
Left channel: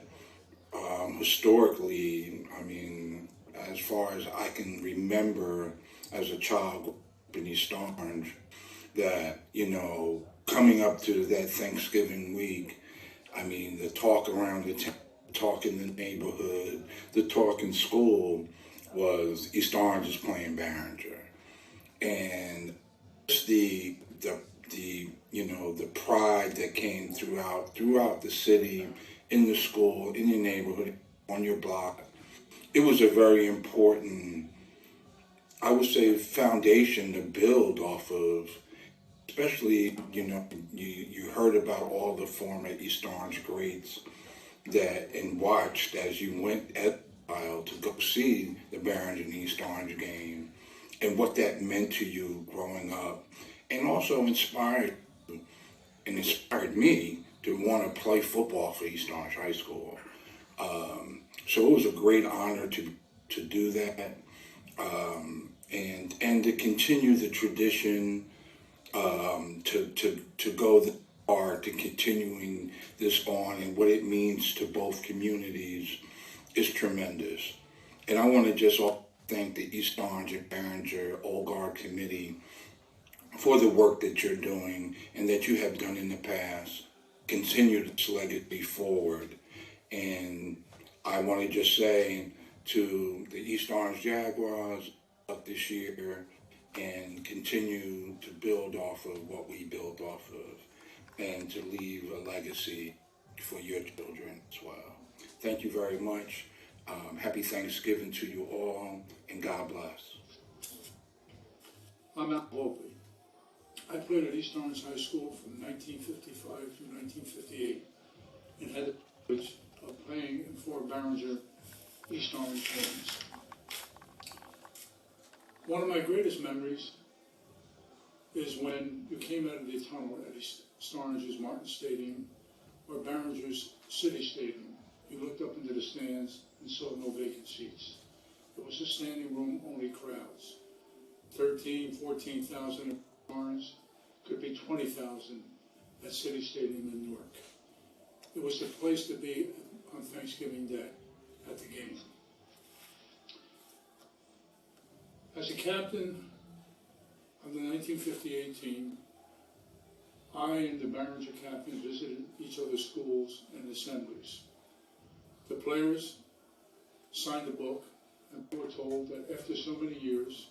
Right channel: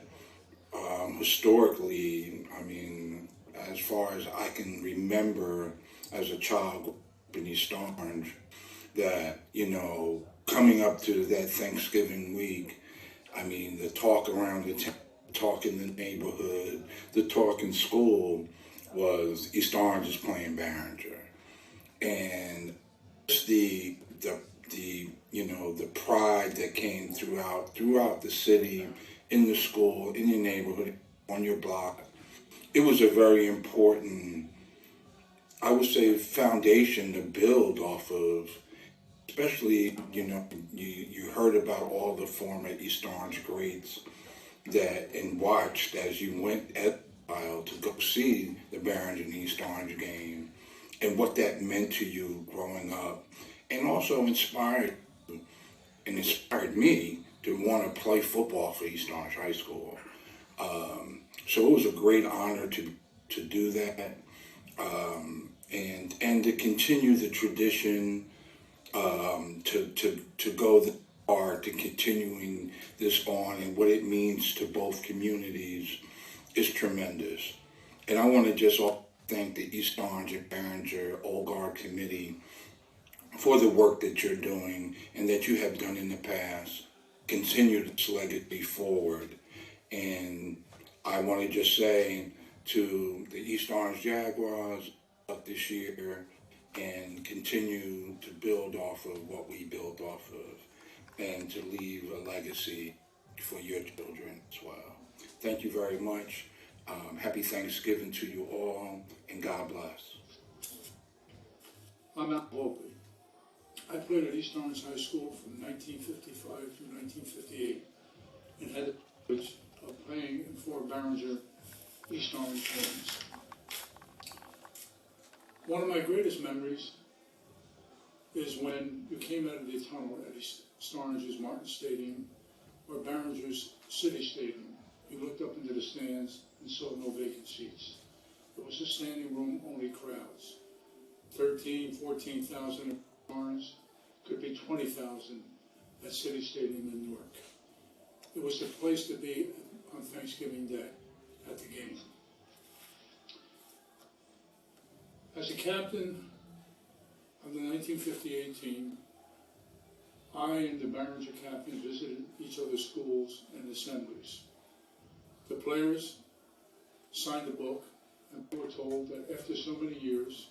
historically, I mean, as far as I can remember as a child in East Orange, that, you know, coming up to that Thanksgiving week, I mean, the talk around the town, talk in the neighborhood, the talk in school was East Orange is playing Barringer. And just the you know, the pride that came throughout the city, in the school, in your neighborhood, on your block. It was a very important, I would say, foundation to build off of especially, you heard about all the former East Orange greats that and watched as you went at while to go see the Barons and East Orange game and what that meant to you growing up, and also inspired me to want to play football for East Orange High School. So it was a great honor to do that, and to continue the tradition, to go far to continuing this on, and what it means to both communities is tremendous. And I want to just thank the East Orange and Barringer Old Guard Committee for the work that you're doing and that you have done in the past. Continue this legacy forward. And I want to just say to the East Orange Jaguars up this year, and continue to build off of what we built off of, and to leave a legacy for your children as well. Thank you very much. Happy Thanksgiving to you all, and God bless. I'm Al Hope. I played at East Orange High School from 1955 to 1958 and had the privilege of playing in 4 Barringer East Orange games. One of my greatest memories is when you came out of the tunnel at East Orange's Martin Stadium or Barringer's City Stadium. You looked up into the stands and saw no vacant seats. It was a standing room only crowds. 13, 14,000 in Orange, could be 20,000 at City Stadium in Newark. It was the place to be on Thanksgiving Day at the game. As a captain of the 1958 team, I and the Barringer captains visited each other's schools and assemblies. The players signed a book, and we were told that after so many years,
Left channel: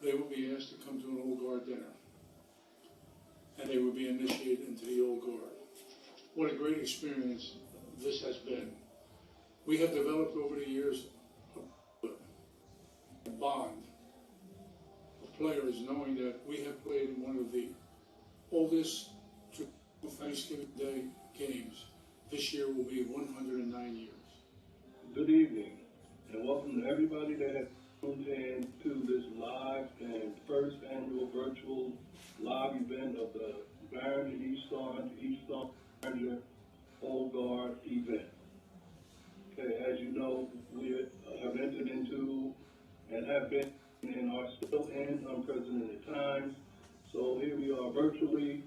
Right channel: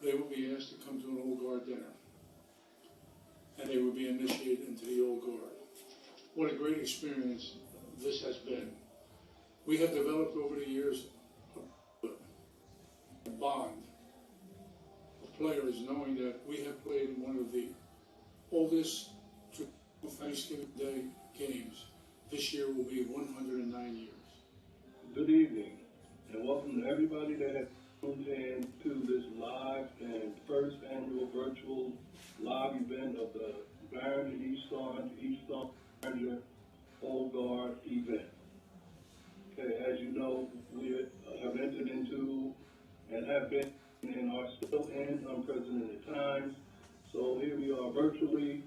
they would be asked to come to an Old Guard dinner, and they would be initiated into the Old Guard. What a great experience this has been. We have developed over the years a bond of players, knowing that we have played in one of the oldest Thanksgiving Day games. This year will be 109 years. Good evening, and welcome to everybody that has tuned in to this live and first annual virtual live event of the Barringer East Orange Barringer Old Guard event. Okay, as you know, we have entered into and have been and are still in unprecedented times. So here we are virtually.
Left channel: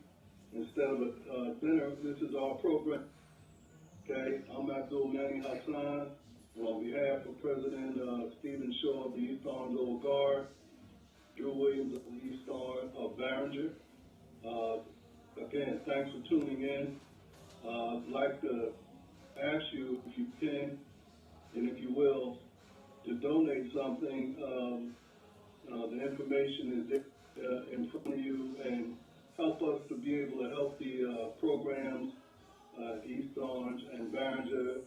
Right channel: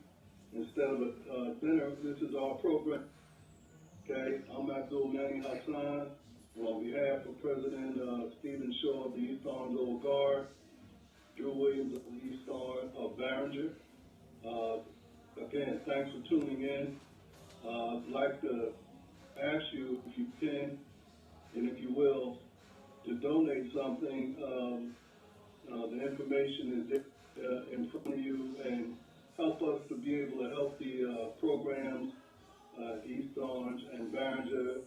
Instead of a dinner, this is our program. Okay, I'm Abdul Mani Hassan. On behalf of President Stephen Shaw of the East Orange Old Guard, Drew Williams of the East Orange of Barringer. Again, thanks for tuning in. I'd like to ask you, if you can, and if you will, to donate something. The information is in front of you, and help us to be able to help the programs, East Orange and Barringer,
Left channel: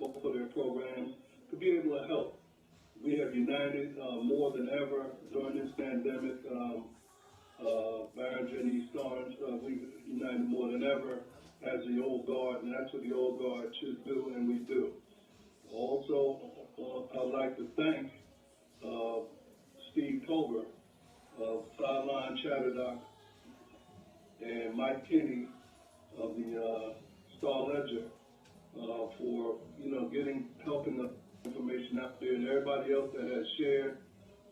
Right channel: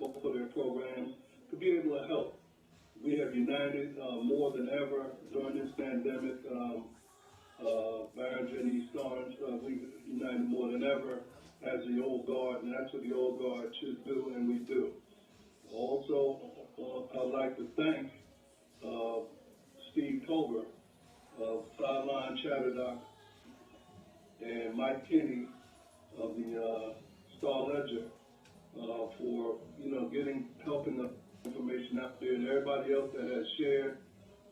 both of their programs, to be able to help. We have united more than ever during this pandemic. Barringer and East Orange, we united more than ever as the Old Guard, and that's what the Old Guard should do, and we do. Also, I'd like to thank Steve Tober of Sideline Chatterdock and Mike Kinney of the Star Ledger for helping us information out there, and everybody else that has shared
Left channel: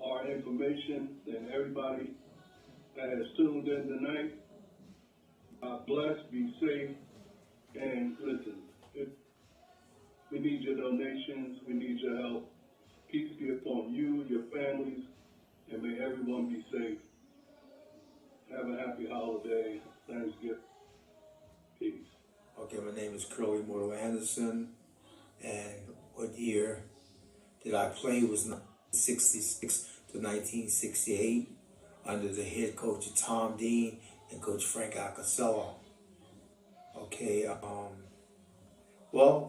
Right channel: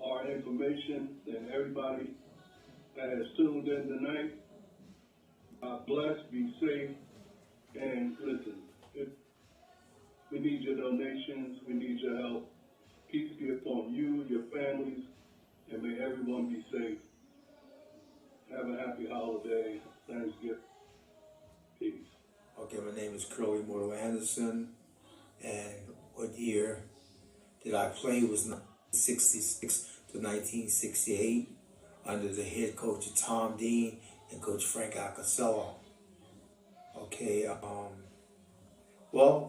our information, and everybody that has tuned in tonight. God bless, be safe, and listen. We need your donations, we need your help. Peace be upon you, your families, and may everyone be safe. Have a happy holiday, Thanksgiving. Peace. Okay, my name is Curly Mortal Anderson, and what year did I play was 1966 to 1968 under the head coach Tom Dean and Coach Frank Alcacello. Okay,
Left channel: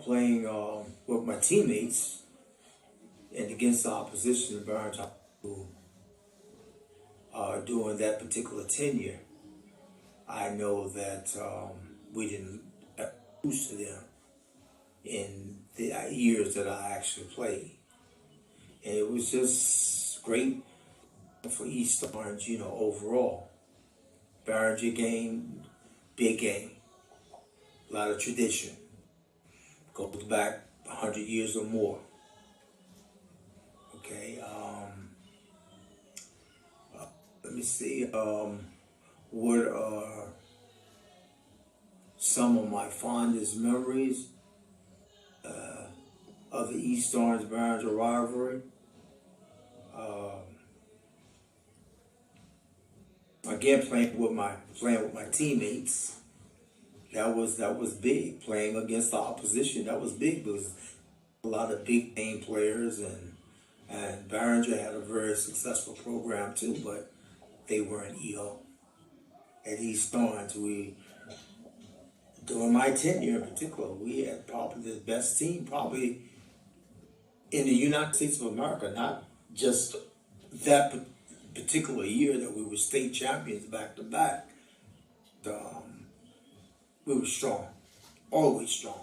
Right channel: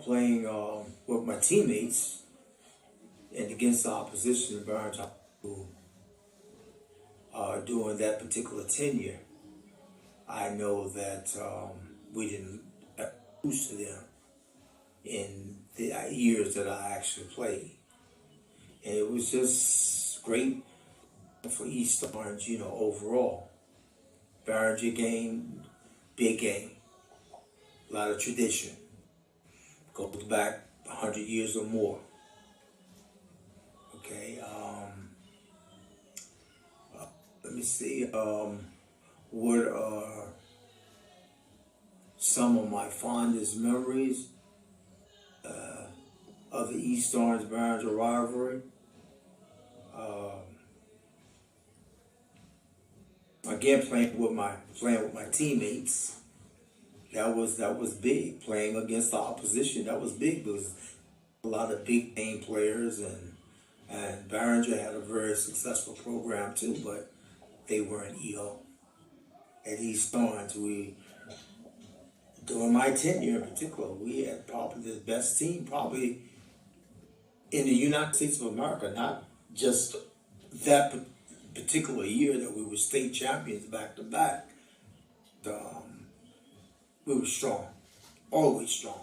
playing with my teammates and against the opposition in Barringer during that particular tenure. I know that we didn't lose to them in the years that I actually played. And it was just great for East Orange, overall. Barringer game, big game, a lot of tradition. Goes back 100 years or more. Okay, let me see. What are some of my fondest memories of the East Orange Barringer rivalry? Again, playing with my teammates. That was big. Playing against the opposition, that was big. There was a lot of big name players, and Barringer had a very successful program too, but they weren't EO. At East Orange, during my tenure in particular, we had probably the best team probably in the United States of America, not just that particular year that we were state champions back to back. We were strong, always strong.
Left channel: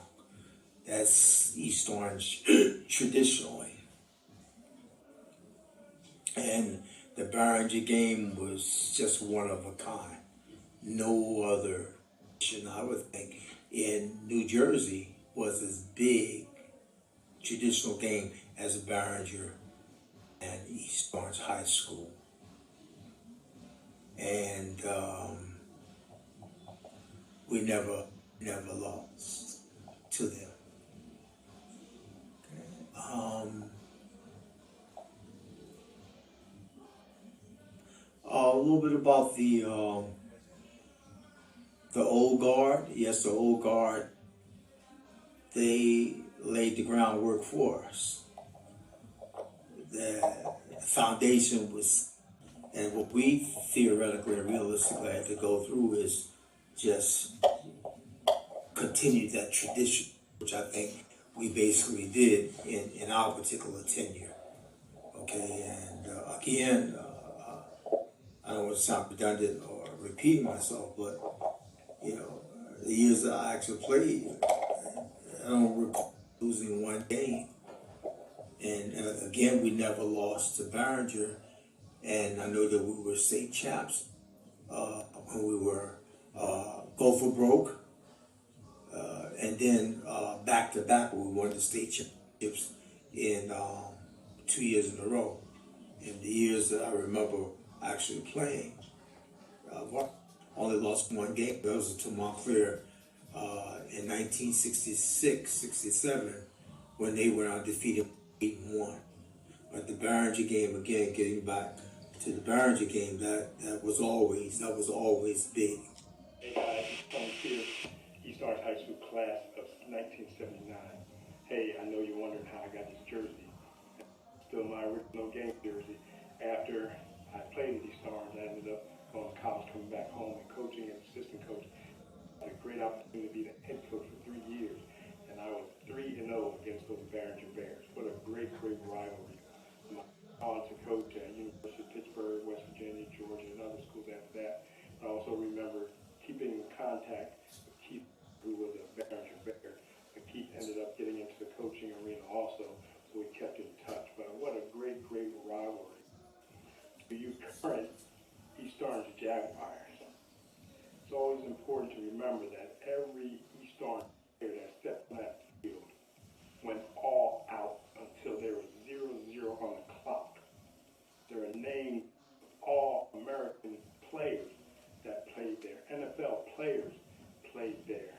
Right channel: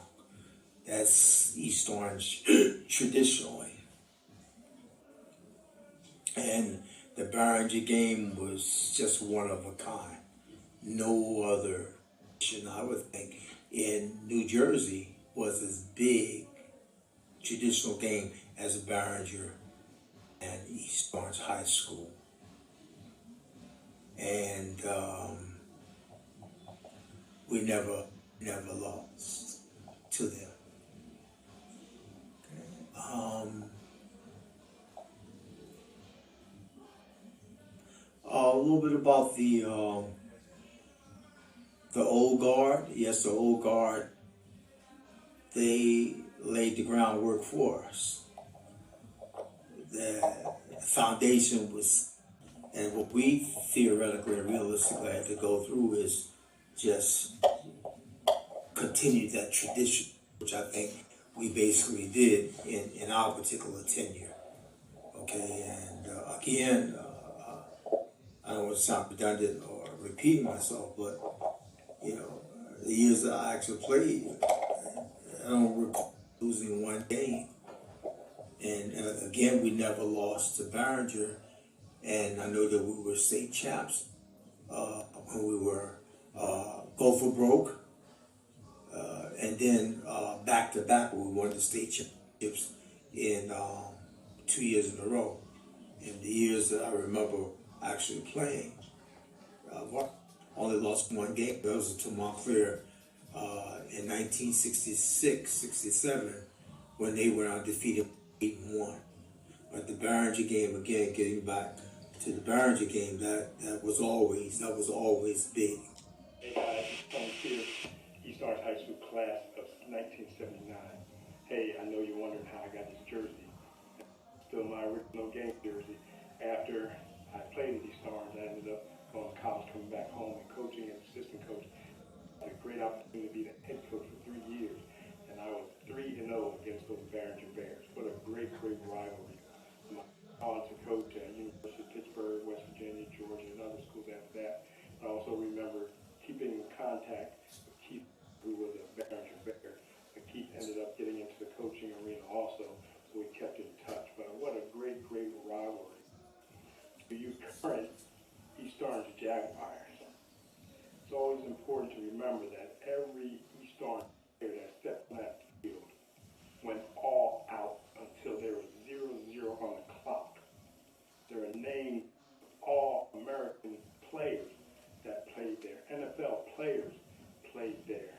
That's East Orange traditionally. And the Barringer game was just one of a kind. No other, I would think, in New Jersey was as big traditional game as Barringer and East Orange High School. And we never lost to them. A little bit about the old guard. Yes, the old guard, they laid the groundwork for us. The foundation was, and what we theoretically and realistically had to go through is just continue that tradition, which I think we basically did in our particular tenure. Okay, and again, I don't want to sound redundant or repeating myself, but the years that I actually played, I don't recall losing one game. And again, we never lost to Barringer, and I know that we were state champs when we were go for broke, and then back to back we won the state championships in 2 years in a row. In the years that I remember actually playing, only lost one game. That was to Montclair in 1966-67 when they went undefeated 8-1. But the Barringer game, again, getting back to the Barringer game, that was always big. Hey guys, I'm here, East Orange High School class of 1979. Hey, I know you're wondering how I got this jersey. Still my original game jersey. After I played at East Orange, I ended up going to college, coming back home and coaching as assistant coach. I had a great opportunity to be the head coach for 3 years, and I was 3-0 against those Barringer Bears. What a great rivalry. I went on to coach at University of Pittsburgh, West Virginia, Georgia, and other schools after that. I also remember keeping in contact with Keith, who was a Barringer Bear. But Keith ended up getting into the coaching arena also, so we kept in touch. But what a great rivalry. For you current East Orange Jaguars, it's always important to remember that every East Orange player that stepped on that field went all out until there was 0-0 on the clock. There are named All-American players that played there. NFL players played there.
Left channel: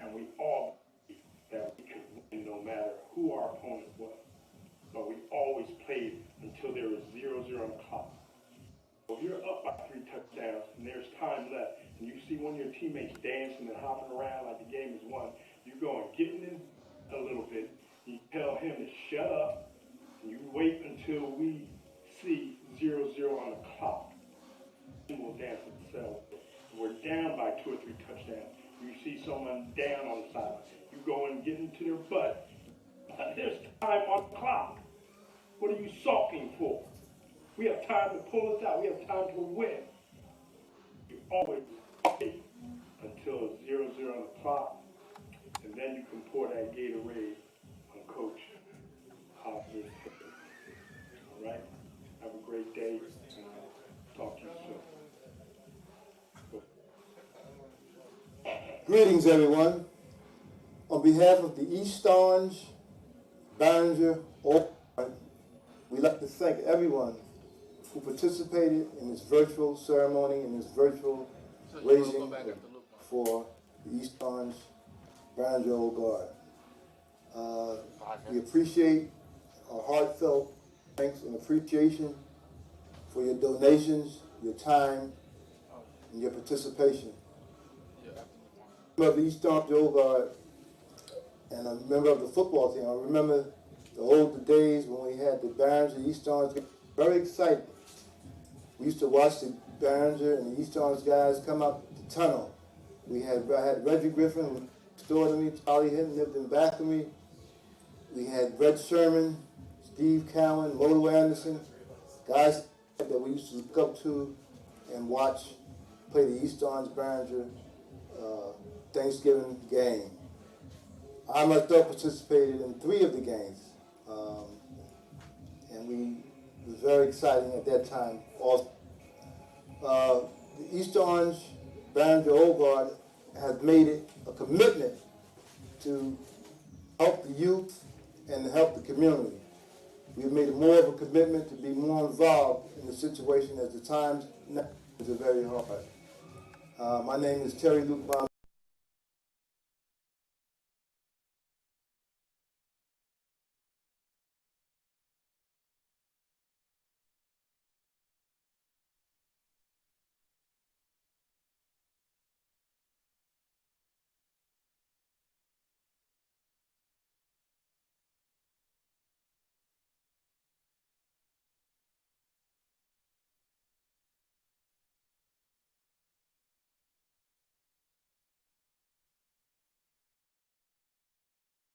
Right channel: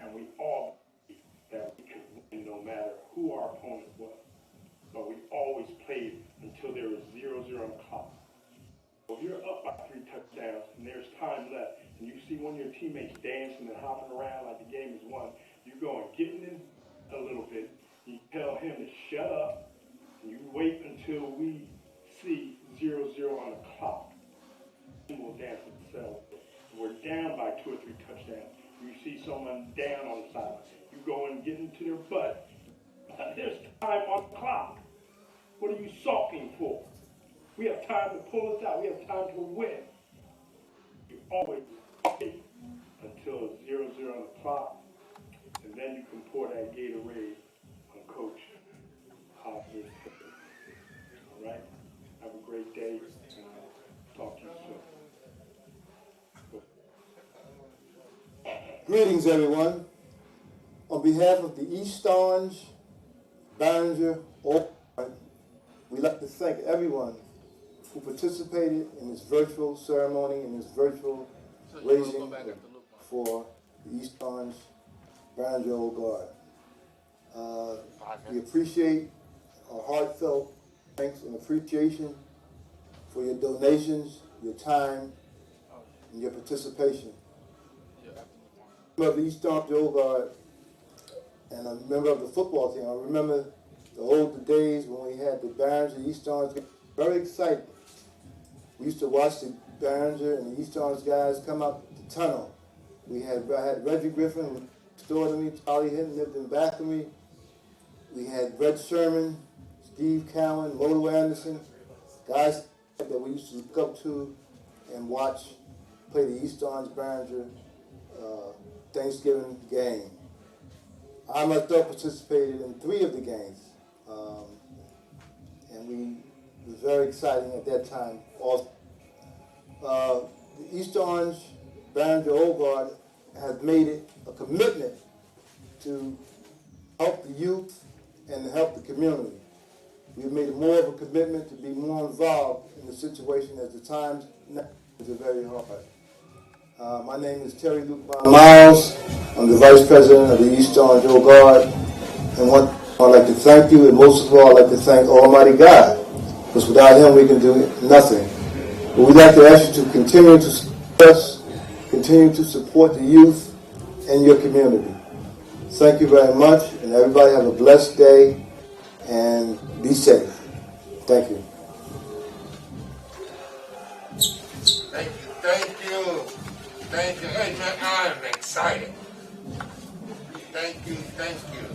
And we all believed that we could win no matter who our opponent was. But we always played until there was 0-0 on the clock. So if you're up by 3 touchdowns and there's time left, and you see one of your teammates dancing and hopping around like the game is won, you go and get in a little bit, you tell him to shut up, and you wait until we see 0-0 on the clock. We'll dance themselves. We're down by 2 or 3 touchdowns. You see someone down on the sideline. You go and get into their butt. There's time on the clock. What are you sulking for? We have time to pull us out. We have time to win. You always stay until 0-0 on the clock, and then you can pour that Gatorade on Coach Hopper's head. All right? Have a great day, and I'll talk to you soon. Greetings, everyone. On behalf of the East Orange, Barringer, we'd like to thank everyone who participated in this virtual ceremony, in this virtual raising for the East Orange, Barringer Old Guard. We appreciate our heartfelt thanks and appreciation for your donations, your time, and your participation. I'm a member of the East Orange Old Guard, and I'm a member of the football team. I remember the old days when we had the Barringer East Orange. Very exciting. We used to watch the Barringer and the East Orange guys come up the tunnel. I had Reggie Griffin, who stored to me. Charlie Hinton lived in the back of me. We had Red Sherman, Steve Cowan, Moto Anderson, guys that we used to look up to and watch play the East Orange Barringer Thanksgiving game. I myself participated in 3 of the games, and it was very exciting at that time. Also, the East Orange Barringer Old Guard has made it a commitment to help the youth and to help the community. We've made it more of a commitment to be more involved in the situation as the times now are very hard. My name is Terry Luke Miles. I'm the Vice President of the East Orange Old Guard. And I'd like to thank you, and most of all, I'd like to thank Almighty God, because without Him we can do nothing. But we'd like to ask you to continue to support us, continue to support the youth and your community. Thank you very much, and everybody have a blessed day, and be safe. Thank you. Thank you, thank you. Thank you. Hey, man, I'm excited. Thank you, thank you.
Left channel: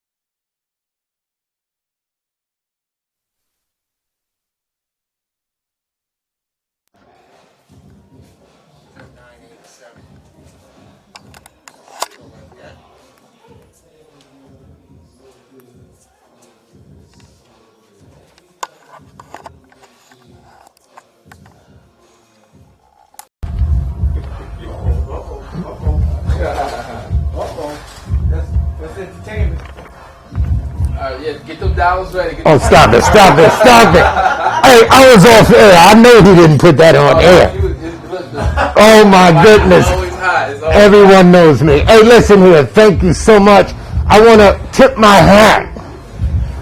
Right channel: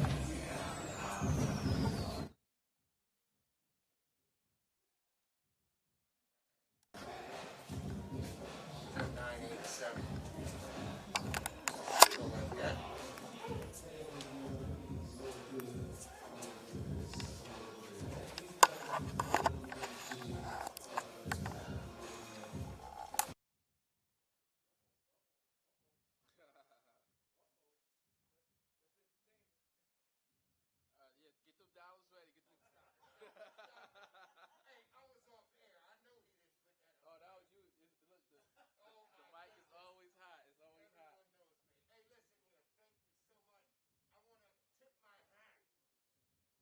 That's entertainment. Yeah, get them dollars ready. Oh, stop it, stop it, stop it. Hey, I was off air. I know he didn't put that on air. Oh, my goodness. Everyone knows me. Hey, listen here. Thank you so much. I want to tip my hat.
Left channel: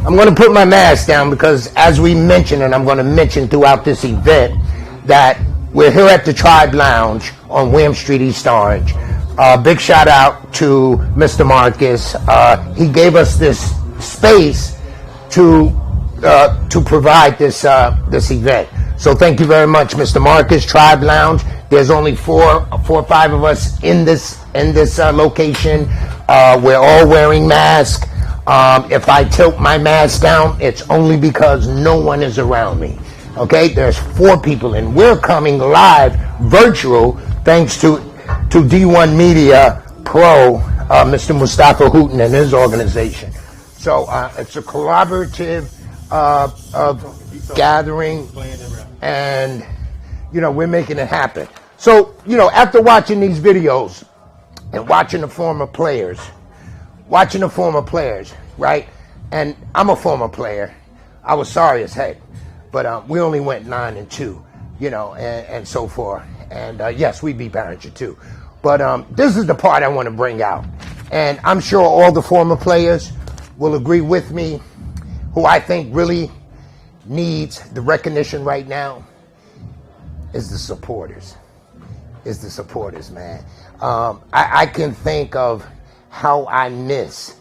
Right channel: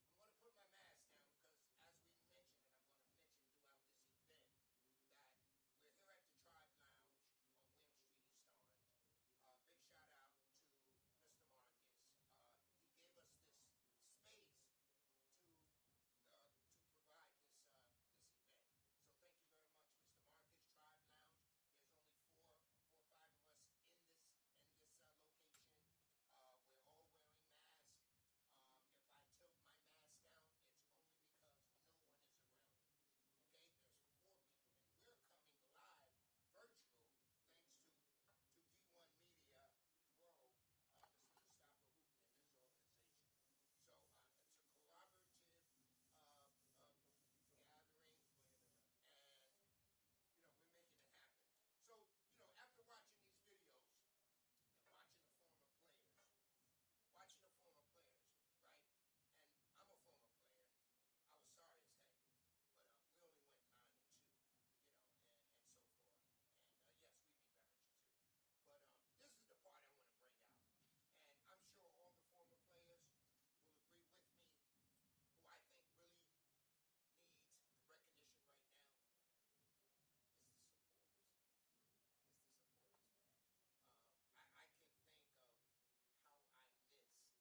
I'm going to put my mask down because, as we mentioned, and I'm going to mention throughout this event, that we're here at the Tribe Lounge on William Street, East Orange. Big shout out to Mr. Marcus. He gave us this space to provide this event. So thank you very much, Mr. Marcus. Tribe Lounge. There's only four or five of us in this location. We're all wearing masks. If I tilt my mask down, it's only because no one is around me. Okay, there's 4 people, and we're coming live, virtual, thanks to D1 Media Pro, Mr. Mustafa Hooten and his organization. So it's a collaborative of gathering, and we're making it happen. So after watching these videos and watching the former players, right? And I'm a former player. I was sorry as heck, but we only went 9-2, and so forth. And yes, we beat Barringer too. But this is the part I want to bring out. And I'm sure all the former players will agree with me. Who I think really needs the recognition right now is the supporters. Man. I can think of how I miss,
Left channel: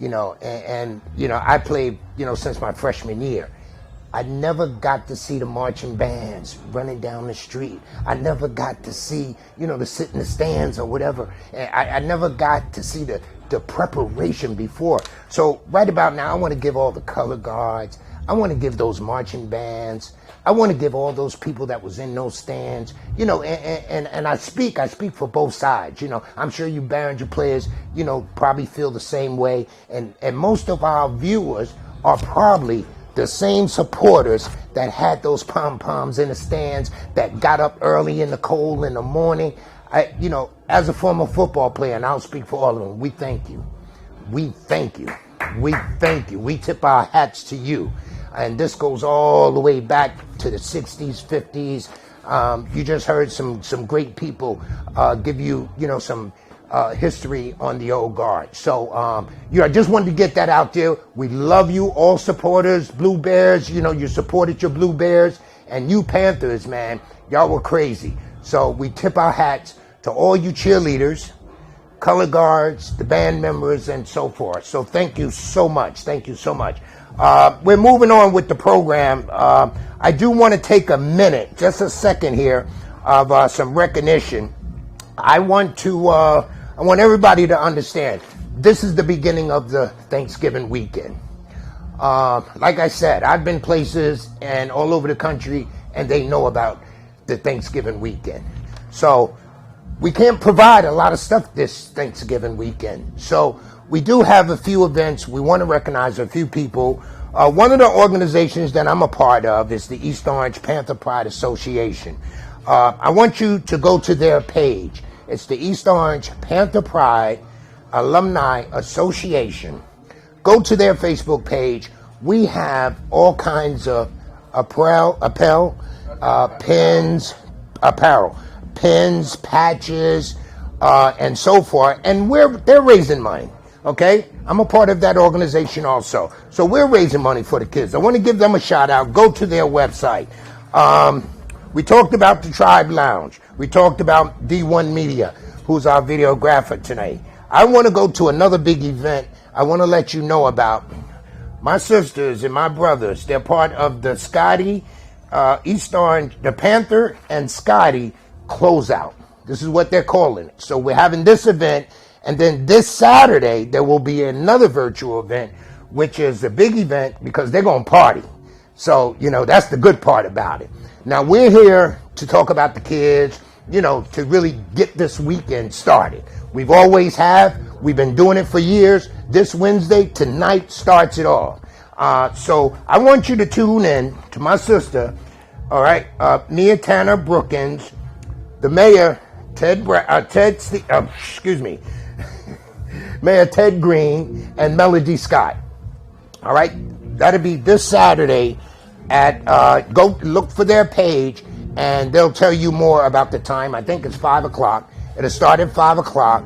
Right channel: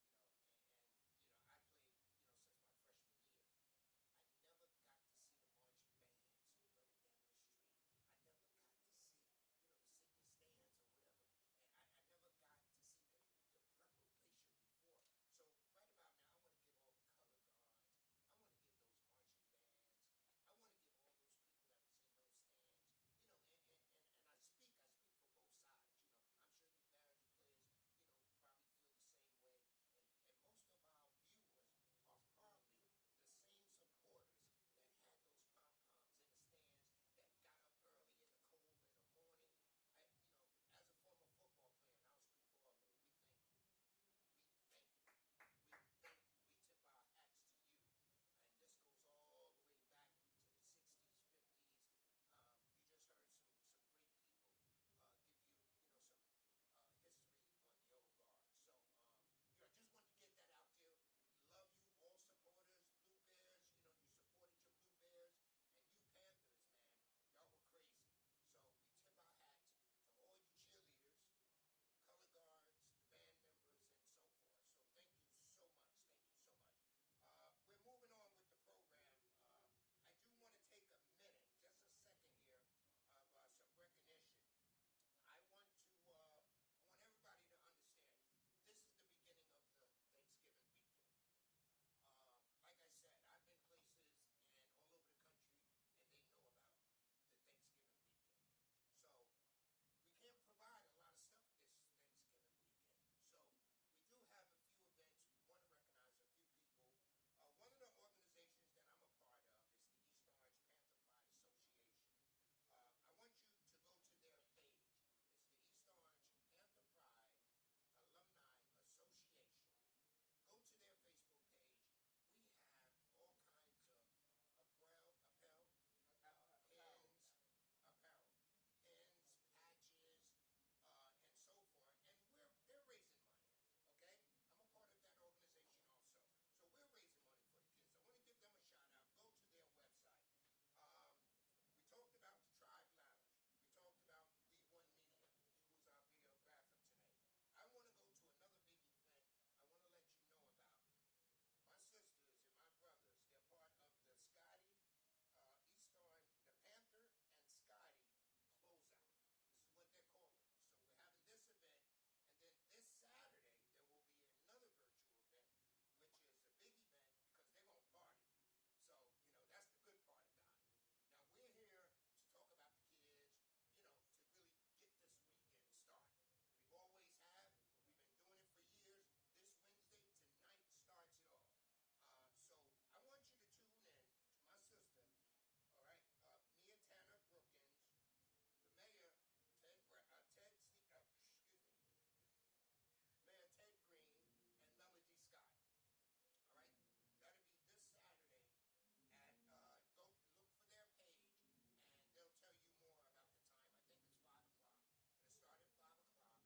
and I played, since my freshman year. I never got to see the marching bands running down the street. I never got to see, to sit in the stands or whatever. I never got to see the preparation before. So right about now, I want to give all the color guards. I want to give those marching bands. I want to give all those people that was in those stands, you know, and I speak for both sides. You know, I'm sure you Behringer players, you know, probably feel the same way. And most of our viewers are probably the same supporters that had those pom-poms in the stands, that got up early in the cold in the morning. You know, as a former football player, and I'll speak for all of them, we thank you. We thank you. We thank you. We tip our hats to you. And this goes all the way back to the 60s, 50s. You just heard some great people give you, you know, some history on the old guard. So, you know, I just wanted to get that out there. We love you, all supporters, Blue Bears. You know, you supported your Blue Bears. And you Panthers, man, y'all were crazy. So we tip our hats to all you cheerleaders, color guards, the band members, and so forth. So thank you so much. Thank you so much. We're moving on with the program. I do want to take a minute, just a second here, of some recognition. I want everybody to understand, this is the beginning of the Thanksgiving weekend. Like I said, I've been places and all over the country, and they know about the Thanksgiving weekend. So we can't provide a lot of stuff this Thanksgiving weekend. So we do have a few events. We want to recognize a few people. One of the organizations that I'm a part of is the East Orange Panther Pride Association. I want you to go to their page. It's the East Orange Panther Pride Alumni Association. Go to their Facebook page. We have all kinds of apparel, pins, patches, and so forth. And they're raising money. Okay, I'm a part of that organization also. So we're raising money for the kids. I want to give them a shout out. Go to their website. We talked about the Tribe Lounge. We talked about D1 Media, who's our videographer tonight. I want to go to another big event. I want to let you know about my sisters and my brothers. They're part of the Scotty, East Orange, the Panther and Scotty closeout. This is what they're calling it. So we're having this event. And then this Saturday, there will be another virtual event, which is a big event because they're going to party. So, you know, that's the good part about it. Now, we're here to talk about the kids, you know, to really get this weekend started. We've always have. We've been doing it for years. This Wednesday, tonight, starts it all. So I want you to tune in to my sister, all right, Mia Tanner Brookins, the mayor, Mayor Ted Green, and Melody Scott. All right, that'll be this Saturday at, go look for their page, and they'll tell you more about the time. I think it's 5 o'clock. It'll start at 5 o'clock.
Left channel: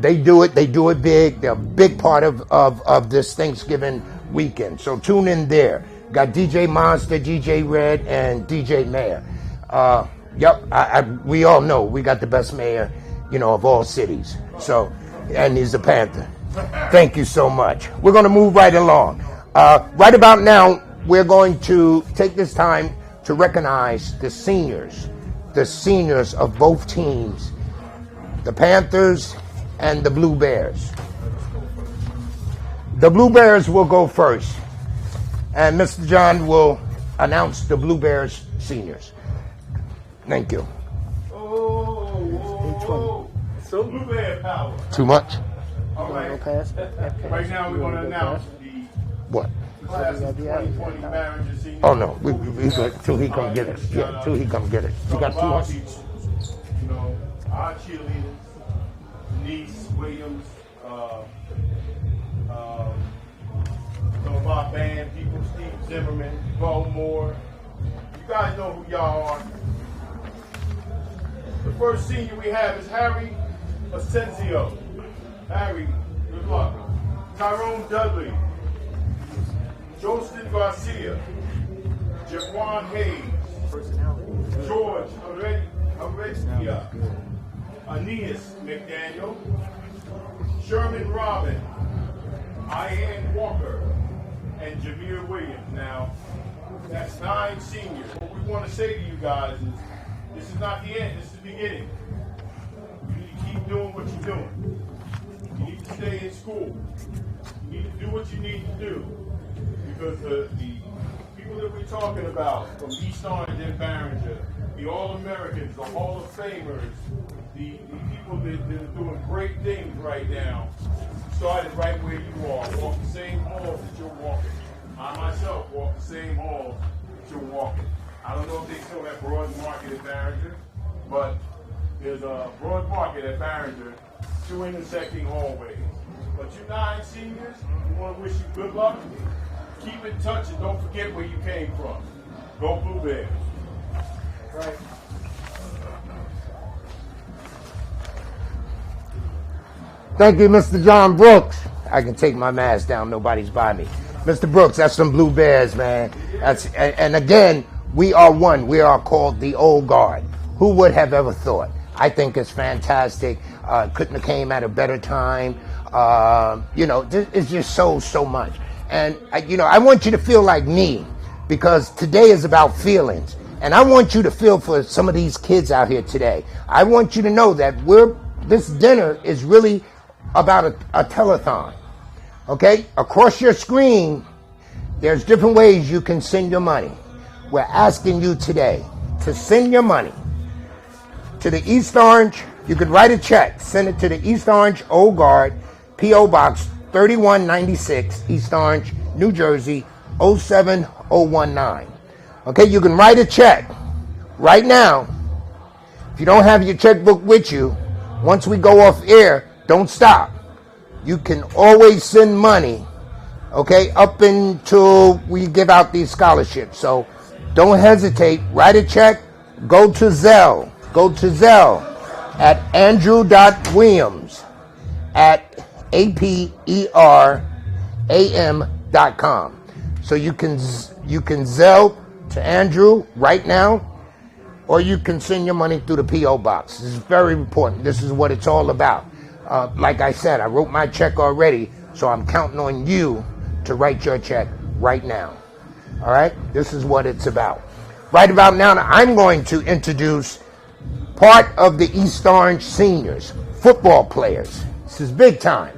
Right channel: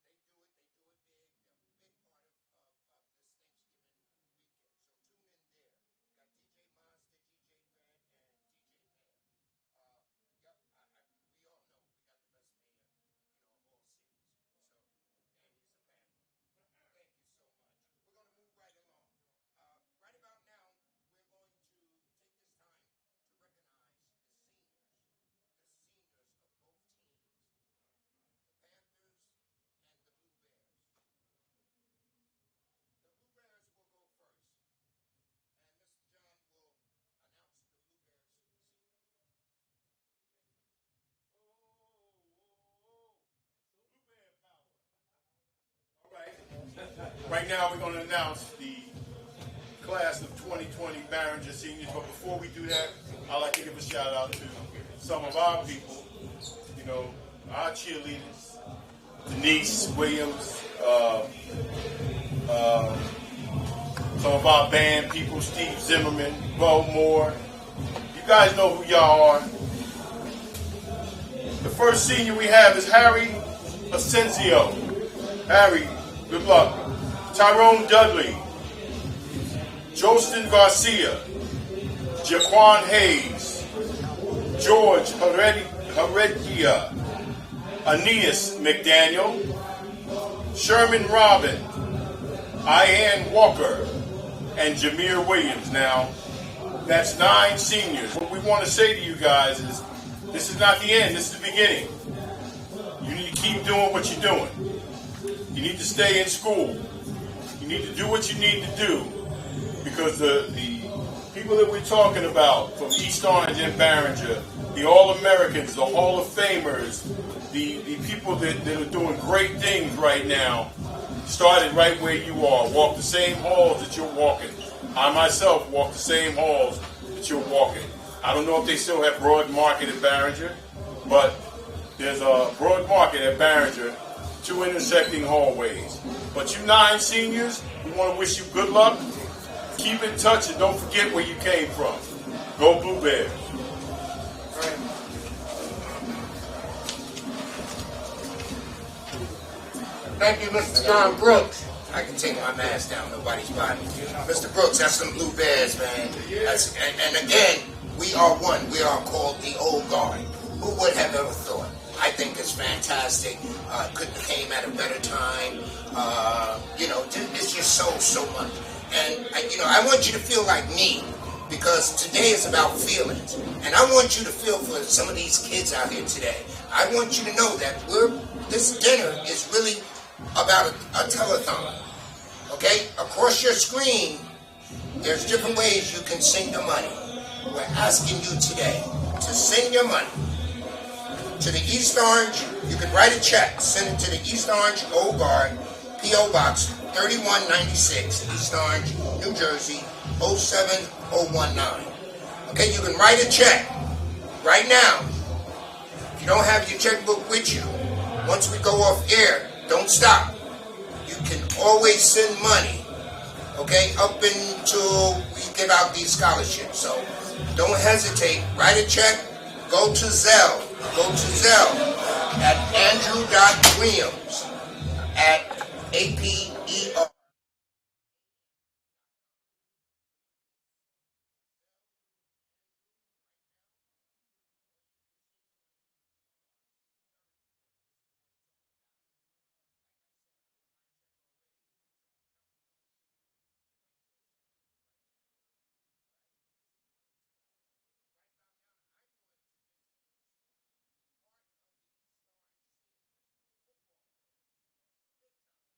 They do it big. They're a big part of this Thanksgiving weekend. So tune in there. Got DJ Monster, DJ Red, and DJ Mayor. Yep, we all know we got the best mayor, you know, of all cities. So, and he's a Panther. Thank you so much. We're going to move right along. Right about now, we're going to take this time to recognize the seniors of both teams, the Panthers and the Blue Bears. The Blue Bears will go first, and Mr. John will announce the Blue Bears seniors. Thank you. So Blue Bear power. Too much? All right. Right now we're going to announce the class of 2020 Behringer Senior. Oh no, till he come get it. Yeah, till he come get it. You got 2 months. You know, our cheerleaders, Denise Williams, some of our band people, Steve Zimmerman, Bo Moore. You guys know who y'all are. The first senior we have is Harry Asensio. Harry, good luck. Tyrone Dudley, Jostin Garcia, Jaquan Hayes, George Heredia, Aeneas McDaniel, Sherman Robin, Ian Walker, and Jameer Williams. Now, that's 9 seniors. What we want to say to you guys is, this is not the end, this is the beginning. You need to keep doing what you're doing. You need to stay in school. You need to do what you need to do, because the people that we're talking about from East Orange and Barringer, the All-Americans, the Hall of Famers, the people that are doing great things right now, started right where you are. Walk the same halls that you're walking. I myself walk the same halls that you're walking. I don't know if they still have Broad Market at Barringer, but there's a Broad Market at Barringer, 2 intersecting hallways. But you 9 seniors, we want to wish you good luck. Keep in touch and don't forget where you came from. Go Blue Bears. Right. Thank you, Mr. John Brooks. I can take my mask down, nobody's bothering me. Mr. Brooks, that's some Blue Bears, man. And again, we are one. We are called the Old Guard. Who would have ever thought? I think it's fantastic. Couldn't have came at a better time. It's just so much. And, I want you to feel like me, because today is about feelings. And I want you to feel for some of these kids out here today. I want you to know that this dinner is really about a telethon. Okay? Across your screen, there's different ways you can send your money. We're asking you today to send your money to the East Orange. You could write a check, send it to the East Orange Old Guard, P.O. Box 3196, East Orange, New Jersey, 07019. Okay, you can write a check right now. If you don't have your checkbook with you, once we go off air, don't stop. You can always send money, okay, up until we give out these scholarships. So don't hesitate. Write a check. Go to Zelle. Go to Zelle at andrew.williams@aperam.com. So you can Zelle to Andrew right now, or you can send your money through the P.O. Box. This is very important. This is what it's all about. Like I said, I wrote my check already, so I'm counting on you to write your check right now. All right? This is what it's about. Right about now, I'm going to introduce part of the East Orange seniors, football players. This is big time.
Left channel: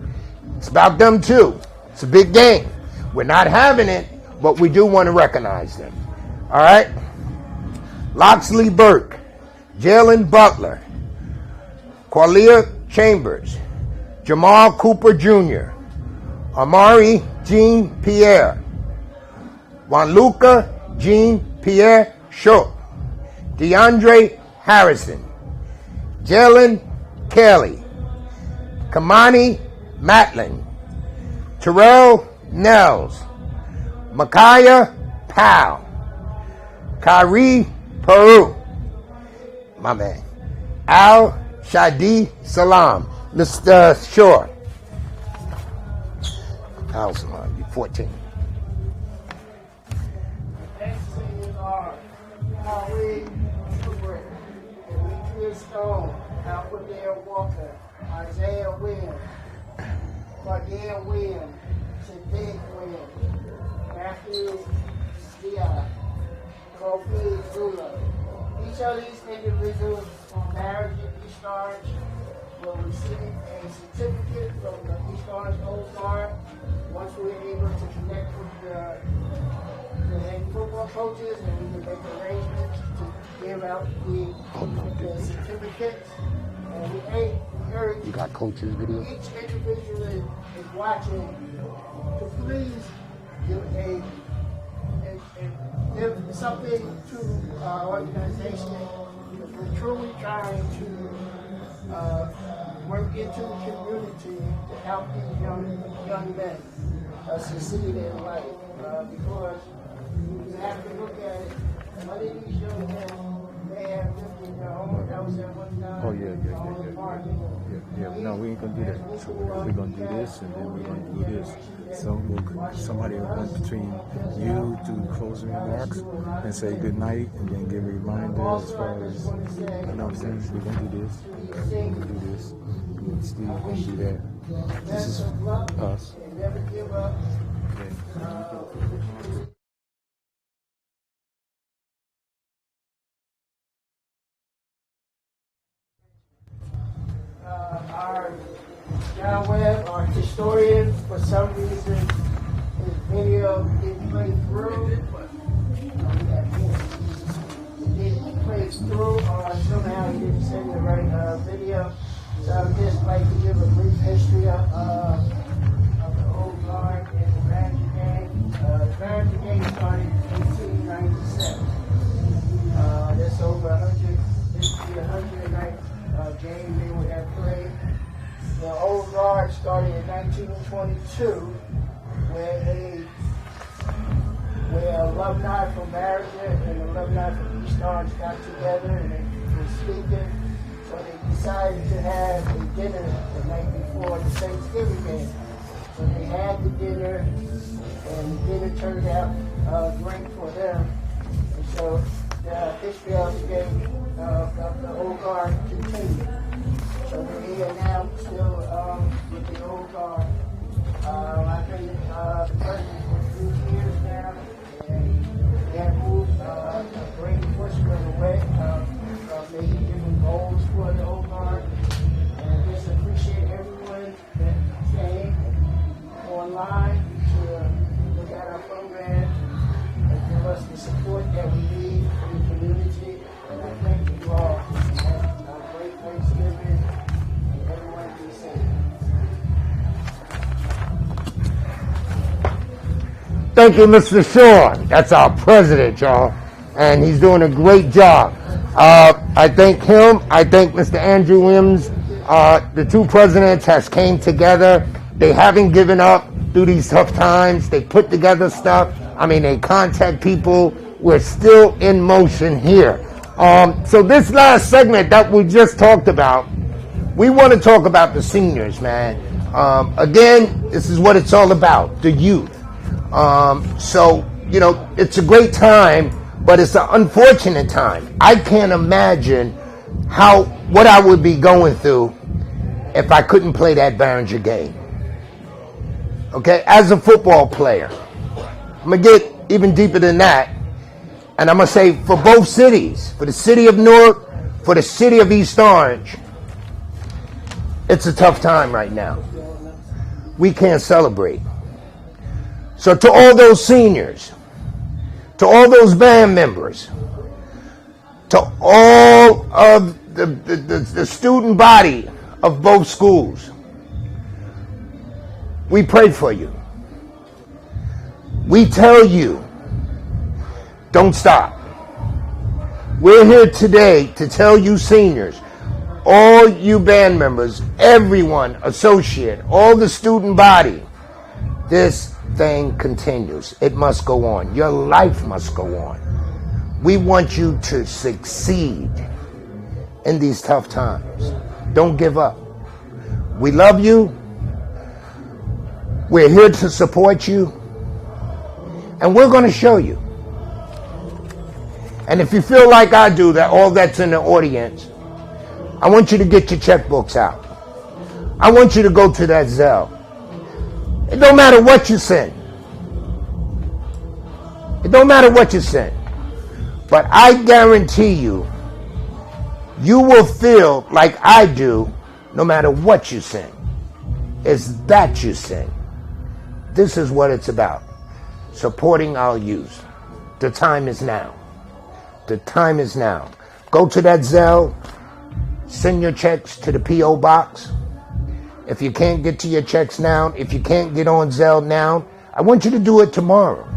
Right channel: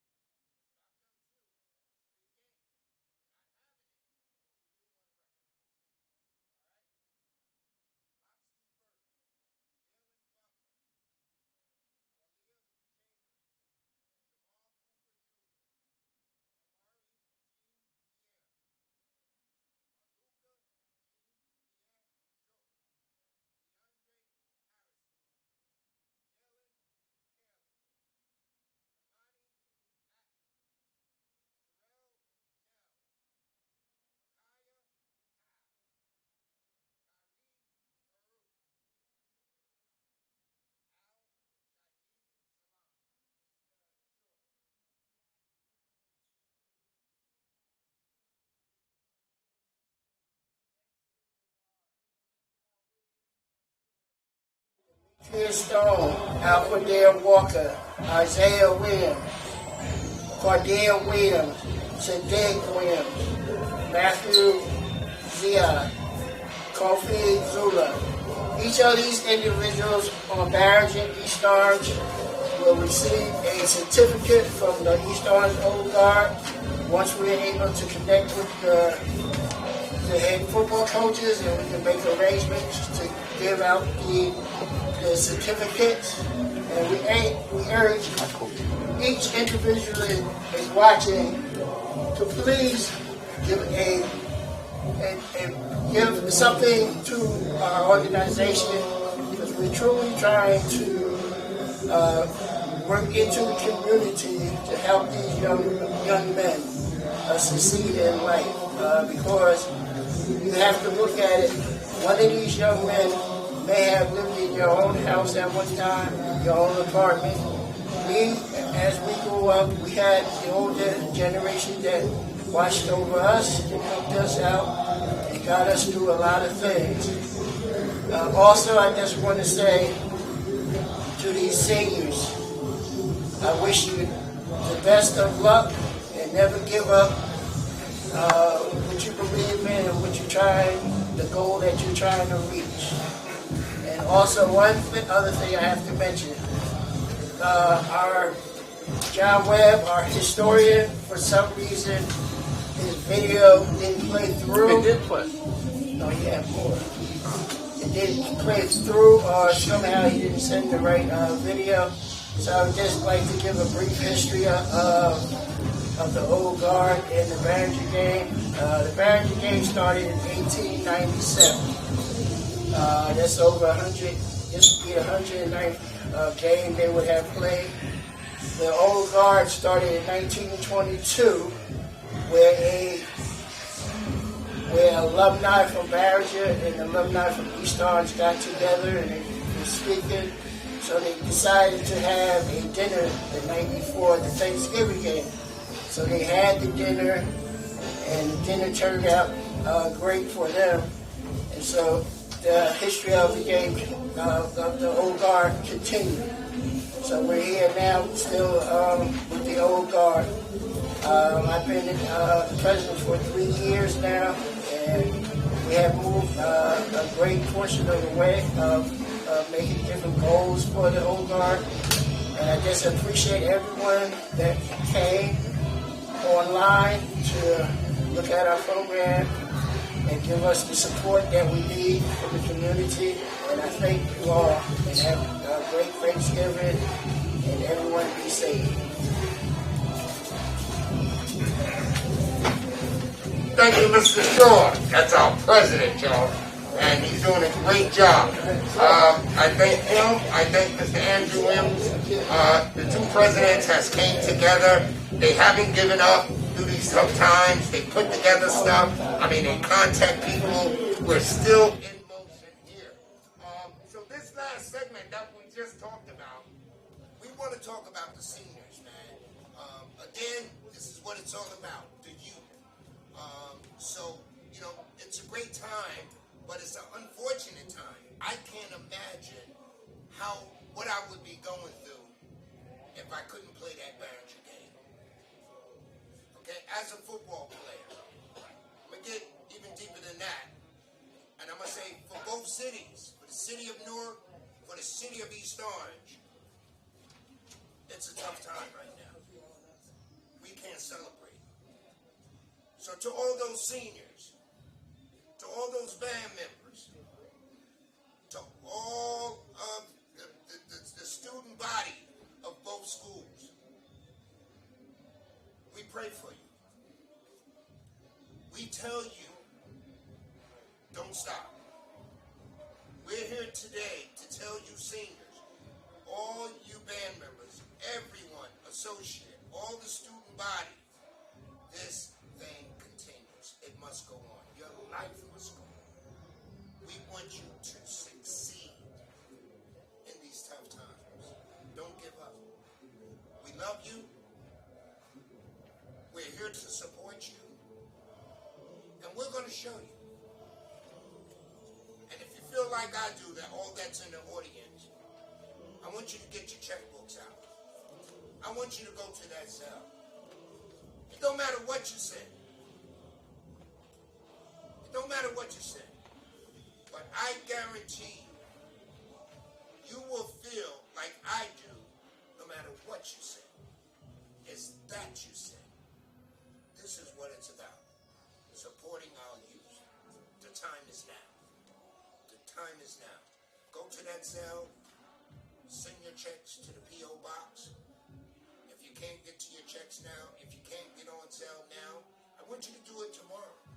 It's about them too. It's a big game. We're not having it, but we do want to recognize them. All right? Loxley Burke, Jalen Butler, Qualia Chambers, Jamal Cooper Jr., Amari Jean Pierre, Juanluca Jean Pierre Schultz, DeAndre Harrison, Jalen Kelly, Kamani Matlin, Terrell Nels, Micaiah Powell, Kyrie Peru, my man, Al Shadi Salam, Mr. Shore, Al Salam, 14. Stone, Alfredale Walker, Isaiah Williams, Cordell Williams, Sadiq Williams, Matthew Zia, Kofi Zula. Each of these individuals on Barringer East Orange will receive a certificate from the East Orange Old Guard once we're able to connect with the head football coaches, and we can make arrangements to give out the certificates. And we urge each individual is watching to please give give something to our organization, because we're truly trying to work into the community to help these young men succeed in life. Because you have to look at it, one of these young men may have lived in your own house at one time, your own apartment. As we grew up, we had the older generation that watched over us, helped us out, and got us through a lot of things. Also, I just want to say to these seniors, I wish you the best of luck and never give up what you believe in and what you're trying, the goal that you're trying to reach. And also, one other thing I have to mention, our John Webb, our historian, for some reason, is video didn't play through. It did play. Oh, yeah, more. It didn't play through, or somehow he didn't send the right video. So I'd just like to give a brief history of the Old Guard and the Barringer game. The Barringer game started in 1897. That's over 100. This would be 109th game they would have played. The Old Guard started in 1922, where alumni from Barringer and alumni from East Orange got together and they were speaking. So they decided to have a dinner the night before the Thanksgiving game. So they had the dinner, and the dinner turned out great for them. And so the history of the game, of the Old Guard, continued. So we're here now, still with the Old Guard. I've been the president for 3 years now, and we have moved a great portion of the way of making different goals for the Old Guard. And I just appreciate everyone that came online to look at our program and give us the support that we need from the community. And I thank you all, and have a great Thanksgiving, and everyone be safe. Thank you, Mr. Shaw. That's our president, y'all. And he's doing a great job. I thank him. I thank Mr. Andrew Williams. The two presidents has came together. They haven't given up through these tough times. They put together stuff. I mean, they contact people. We're still in motion here. So this last segment that we just talked about, we want to talk about the seniors, man. Again, this is what it's all about, the youth. So, you know, it's a great time, but it's an unfortunate time. I can't imagine what I would be going through if I couldn't play that Barringer game. Okay, as a football player, I'm going to get even deeper than that, and I'm going to say for both cities, for the city of Newark, for the city of East Orange, it's a tough time right now. We can't celebrate. So to all those seniors, to all those band members, to all of the student body of both schools, we pray for you. We tell you, don't stop. We're here today to tell you seniors, all you band members, everyone, associate, all the student body, this thing continues. It must go on. Your life must go on. We want you to succeed in these tough times. Don't give up. We love you. We're here to support you. And we're going to show you. And if you feel like I do, that all that's in the audience, I want you to get your checkbooks out. I want you to go to that Zelle. It don't matter what you send. It don't matter what you send. But I guarantee you, you will feel like I do no matter what you send. It's that you send. This is what it's about. Supporting our youth. The time is now. The time is now. Go to that Zelle. Send your checks to the P.O. box. If you can't get to your checks now, if you can't get on Zelle now, I want you to do it tomorrow.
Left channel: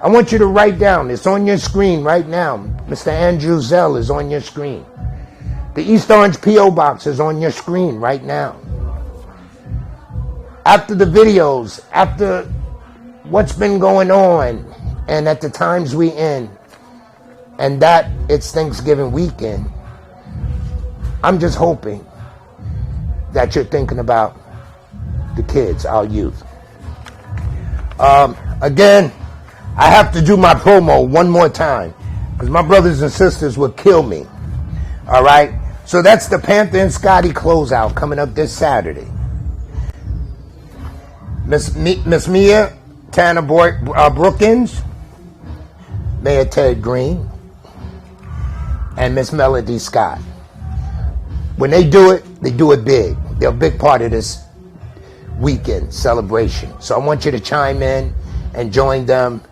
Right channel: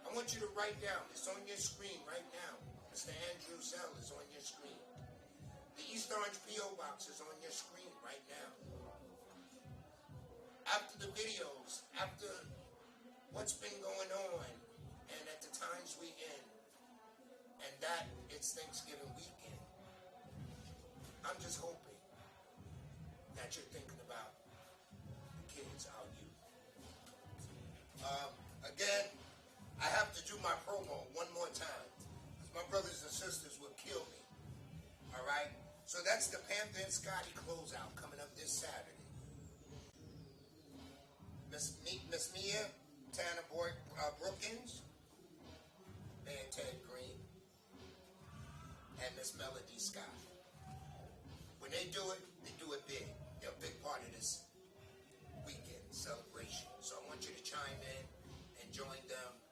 I want you to write down. It's on your screen right now. Mr. Andrew Zelle is on your screen. The East Orange P.O. box is on your screen right now. After the videos, after what's been going on, and at the times we in, and that it's Thanksgiving weekend, I'm just hoping that you're thinking about the kids, our youth. Again, I have to do my promo one more time because my brothers and sisters would kill me. All right? So that's the Panther and Scotty closeout coming up this Saturday. Miss Mia Tanner Brookins, Mayor Ted Green, and Miss Melody Scott. When they do it big. They're a big part of this weekend celebration. So I want you to chime in. and joined them.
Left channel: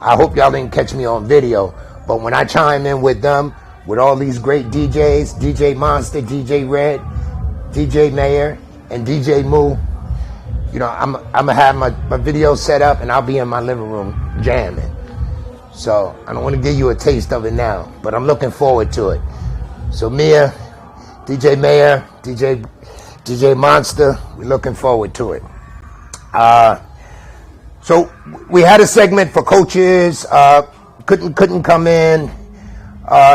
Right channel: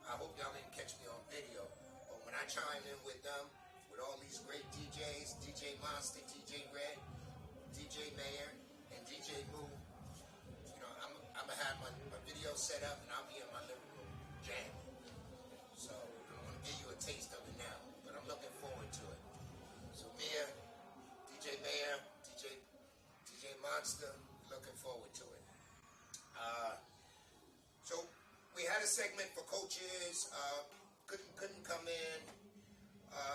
I hope y'all didn't catch me on video, but when I chime in with them, with all these great DJs, DJ Monster, DJ Red, DJ Mayor, and DJ Moo, you know, I'm gonna have my video set up and I'll be in my living room jamming. So I don't want to give you a taste of it now, but I'm looking forward to it. So Mia, DJ Mayor, DJ Monster, we're looking forward to it. So we had a segment for coaches, couldn't come in.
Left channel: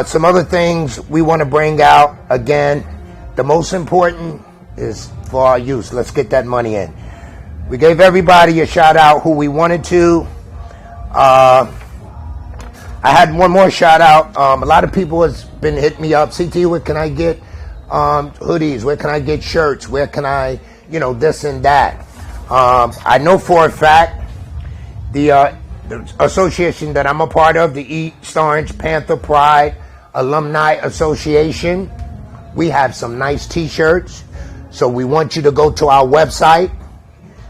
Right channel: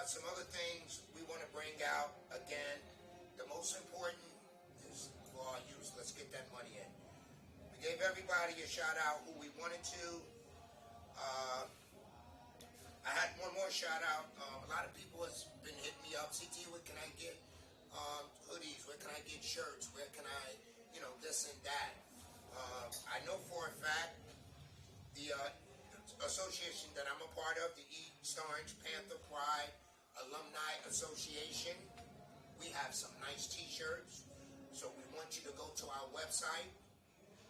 Some other things we want to bring out. Again, the most important is for our youth. Let's get that money in. We gave everybody a shout out who we wanted to. I had one more shout out. A lot of people has been hitting me up. CT, where can I get hoodies? Where can I get shirts? Where can I, you know, this and that? I know for a fact the association that I'm a part of, the East Orange Panther Pride Alumni Association, we have some nice t-shirts. So we want you to go to our website.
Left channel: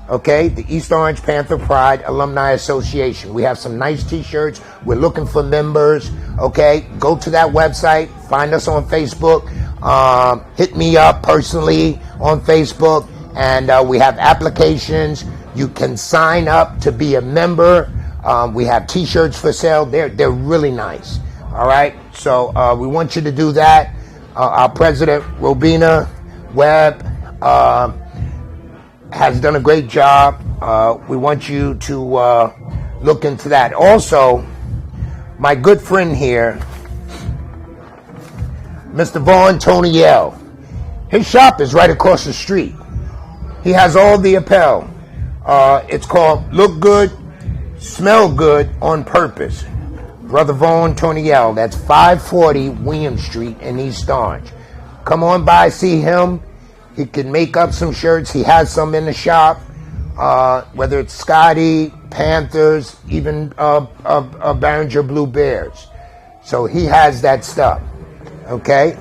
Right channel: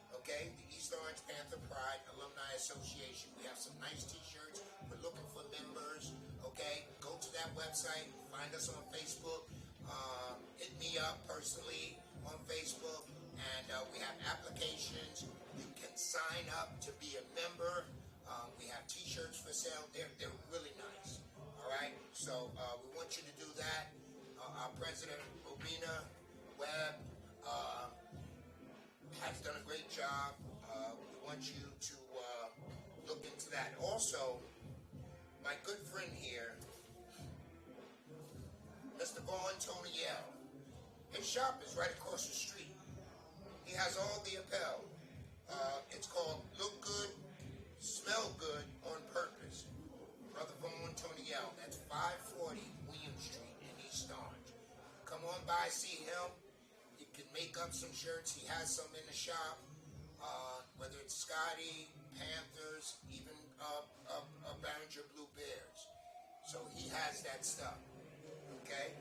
Okay, the East Orange Panther Pride Alumni Association. We have some nice t-shirts. We're looking for members. Okay, go to that website. Find us on Facebook. Hit me up personally on Facebook. And we have applications. You can sign up to be a member. We have t-shirts for sale. They're really nice. All right, so we want you to do that. Our president, Robina Webb, has done a great job. We want you to look into that. Also, my good friend here, Mr. Vaughn Toniel, his shop is right across the street. He has all the apparel. It's called Look Good, Smell Good on Purpose. Brother Vaughn Toniel, that's 540 William Street in East Orange. Come on by, see him. He can make up some shirts. He has some in the shop, whether it's Scotty, Panthers, even Behringer Blue Bears. So he has that stuff, okay?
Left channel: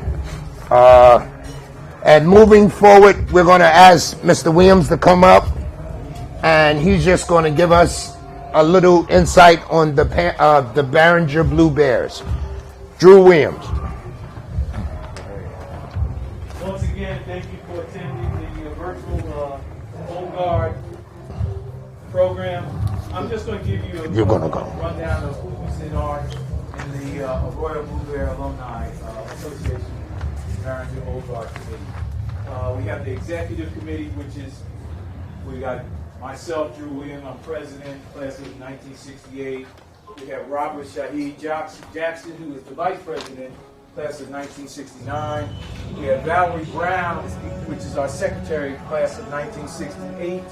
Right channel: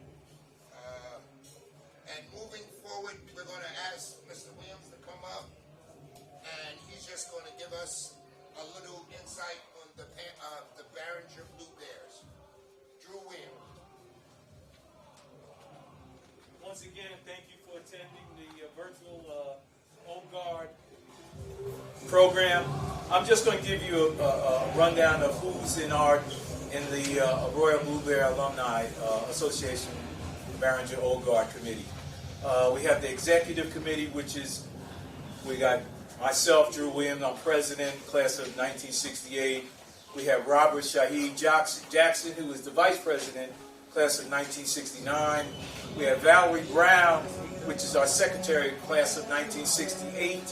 And moving forward, we're going to ask Mr. Williams to come up, and he's just going to give us a little insight on the Behringer Blue Bears. Drew Williams. Once again, thank you for attending the virtual Old Guard program. I'm just going to give you a rundown of who's in the Royal Blue Bear Alumni Association Behringer Old Guard Committee. We have the executive committee, which is, we got myself, Drew Williams, I'm president, class of 1968. We have Robert Shaheed Jackson, who is the vice president, class of 1969. We have Valerie Brown, which is our secretary, class of 1968.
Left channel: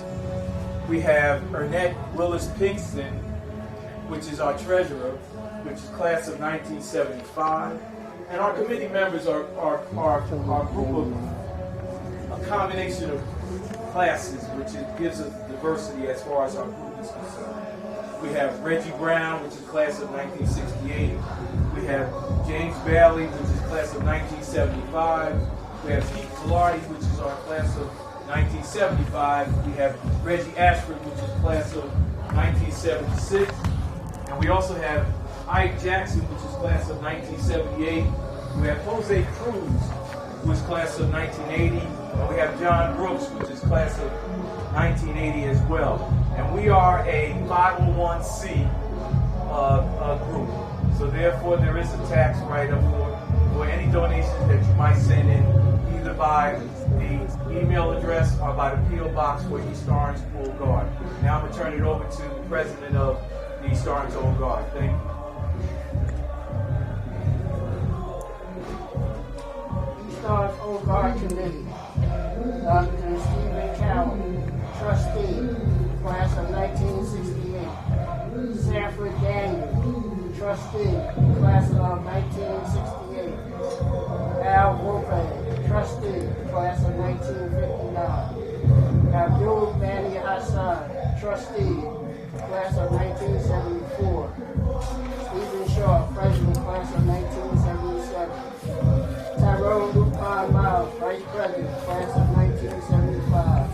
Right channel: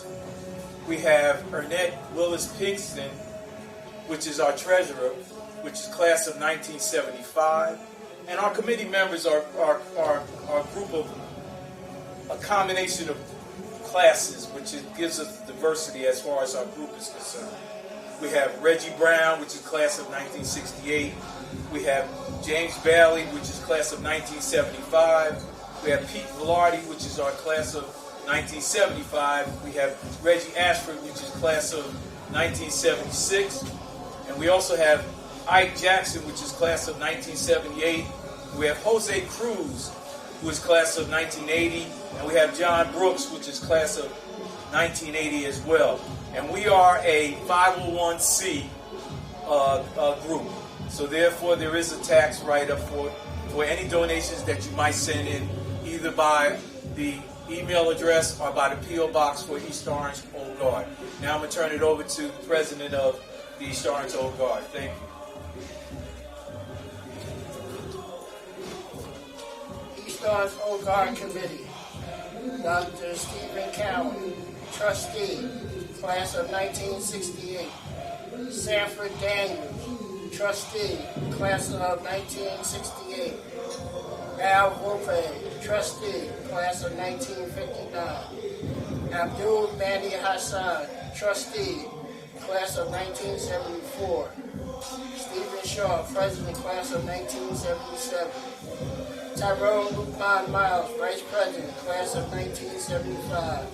We have Ernette Willis Pinkston, which is our treasurer, which is class of 1975. And our committee members are a group of a combination of classes, which gives us diversity as far as our group is concerned. We have Reggie Brown, which is class of 1968. We have James Bailey, which is class of 1975. We have Pete Velarde, which is our class of 1975. We have Reggie Ashford, which is class of 1976. And we also have Ike Jackson, which is class of 1978. We have Jose Cruz, who is class of 1980. And we have John Brooks, which is class of 1980 as well. And we are a 501c group. So therefore, there is a tax write-up for any donations that you might send in, either by the email address or by the P.O. Box for East Orange Old Guard. Now I'm going to turn it over to the president of the East Orange Old Guard. Thank you. East Orange Old Guard Committee. Dr. Stephen Cowan, trustee, class of 1968. Sanford Daniels, trustee, class of 1968. Al Wolfang, trustee, class of 1959. Abdul Badi Hassan, trustee, class of 1974. Stephen Shaw, president, class of 1977. Tyrone Lupin Miles, vice president, class of 1975.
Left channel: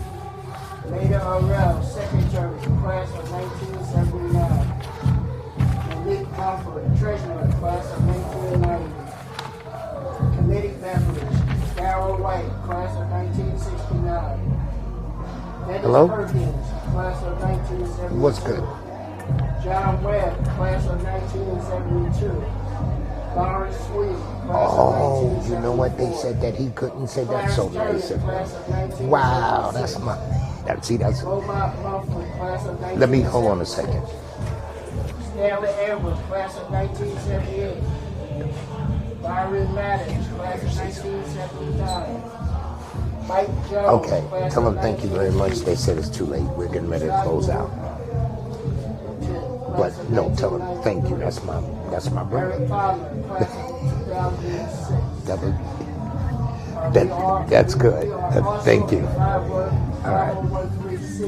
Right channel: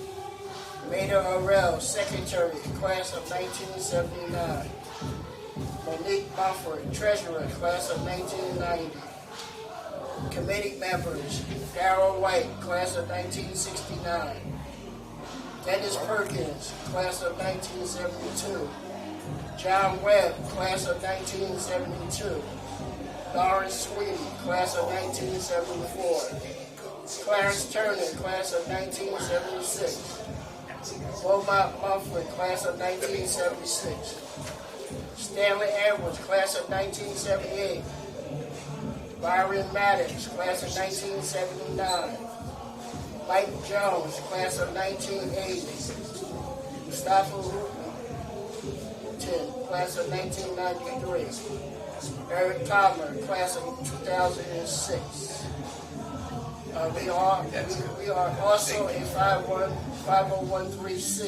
Rita Orell, Secretary, Class of 1979. Monique Mumford, Treasurer, Class of 1990. Committee members, Darrell White, Class of 1969. Dennis Hello? Perkins, Class of 1972. What's good? John Webb, Class of 1972. Lawrence Sweet, Class of Oh, 1974. you know what? They said that he couldn't say that, so Turner, they said, Class of 1976. wow, that's my, that's, Beaumont Mumford, Class of 1976. let me, hold on a second. Stanley Edwards, Class of 1978. Byron Maddox, Class of 1979. Mike Jones, Okay, Class tell of them thank you very much. They said it's too late. We're getting ready to close out. But no, tell them thank you. That's my brother. Eric Palmer, Class of 2006. That's good. Thank you. 501(c)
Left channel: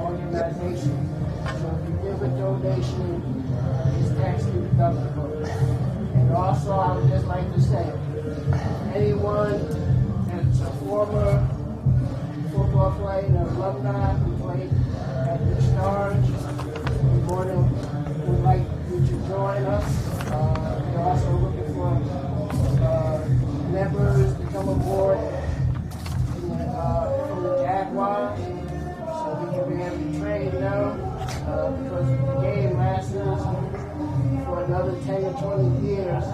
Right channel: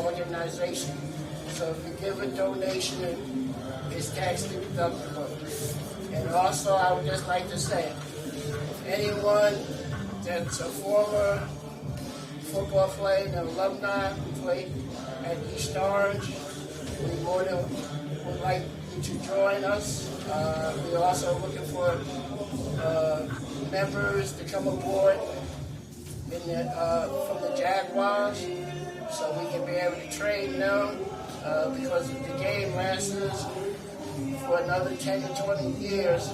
organization. So if you give a donation, it's tax deductible. And also, I would just like to say, if anyone that's a former football player, an alumni who played at East Orange, we'd like you to join us. We're also looking for members to come aboard from the Jaguars, so we can be able to train them, because the game lasts us for another 10 to 20 years.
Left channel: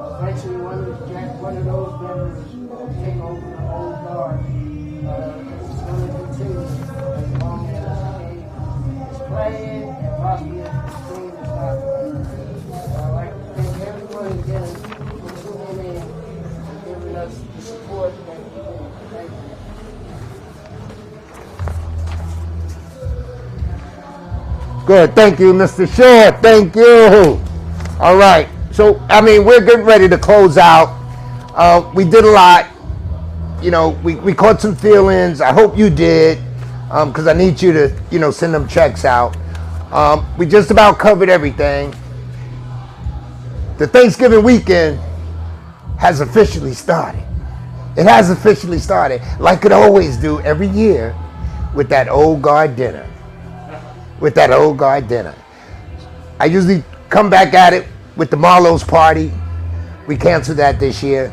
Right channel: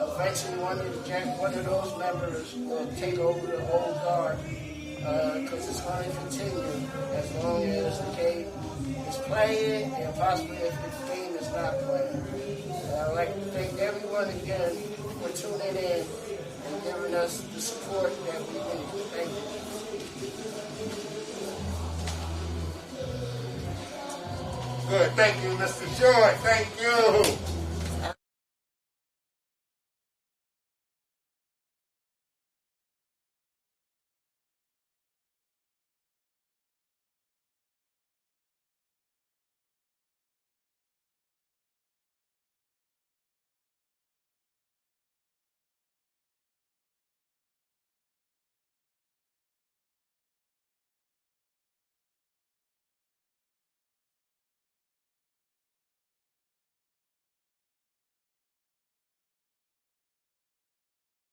Eventually, one of those members will take over the old guard, because it's going to continue as long as the game is playing, and possibly if the game is not playing. I'd like to thank everyone again for tuning in and giving us the support that we need. Thank you. Good. Thank you, Mr. Short. Thank you. All right. So, I mean, we're getting ready to close out. We did a lot. You know, we caught some feelings. I hope you did, because I need you to, send them checks out. We just about covered everything. The Thanksgiving weekend has officially started. It has officially started, like it always do every year, with that old guard dinner. With that old guard dinner. I usually come back at it with the Marlowe's party. We canceled that this year.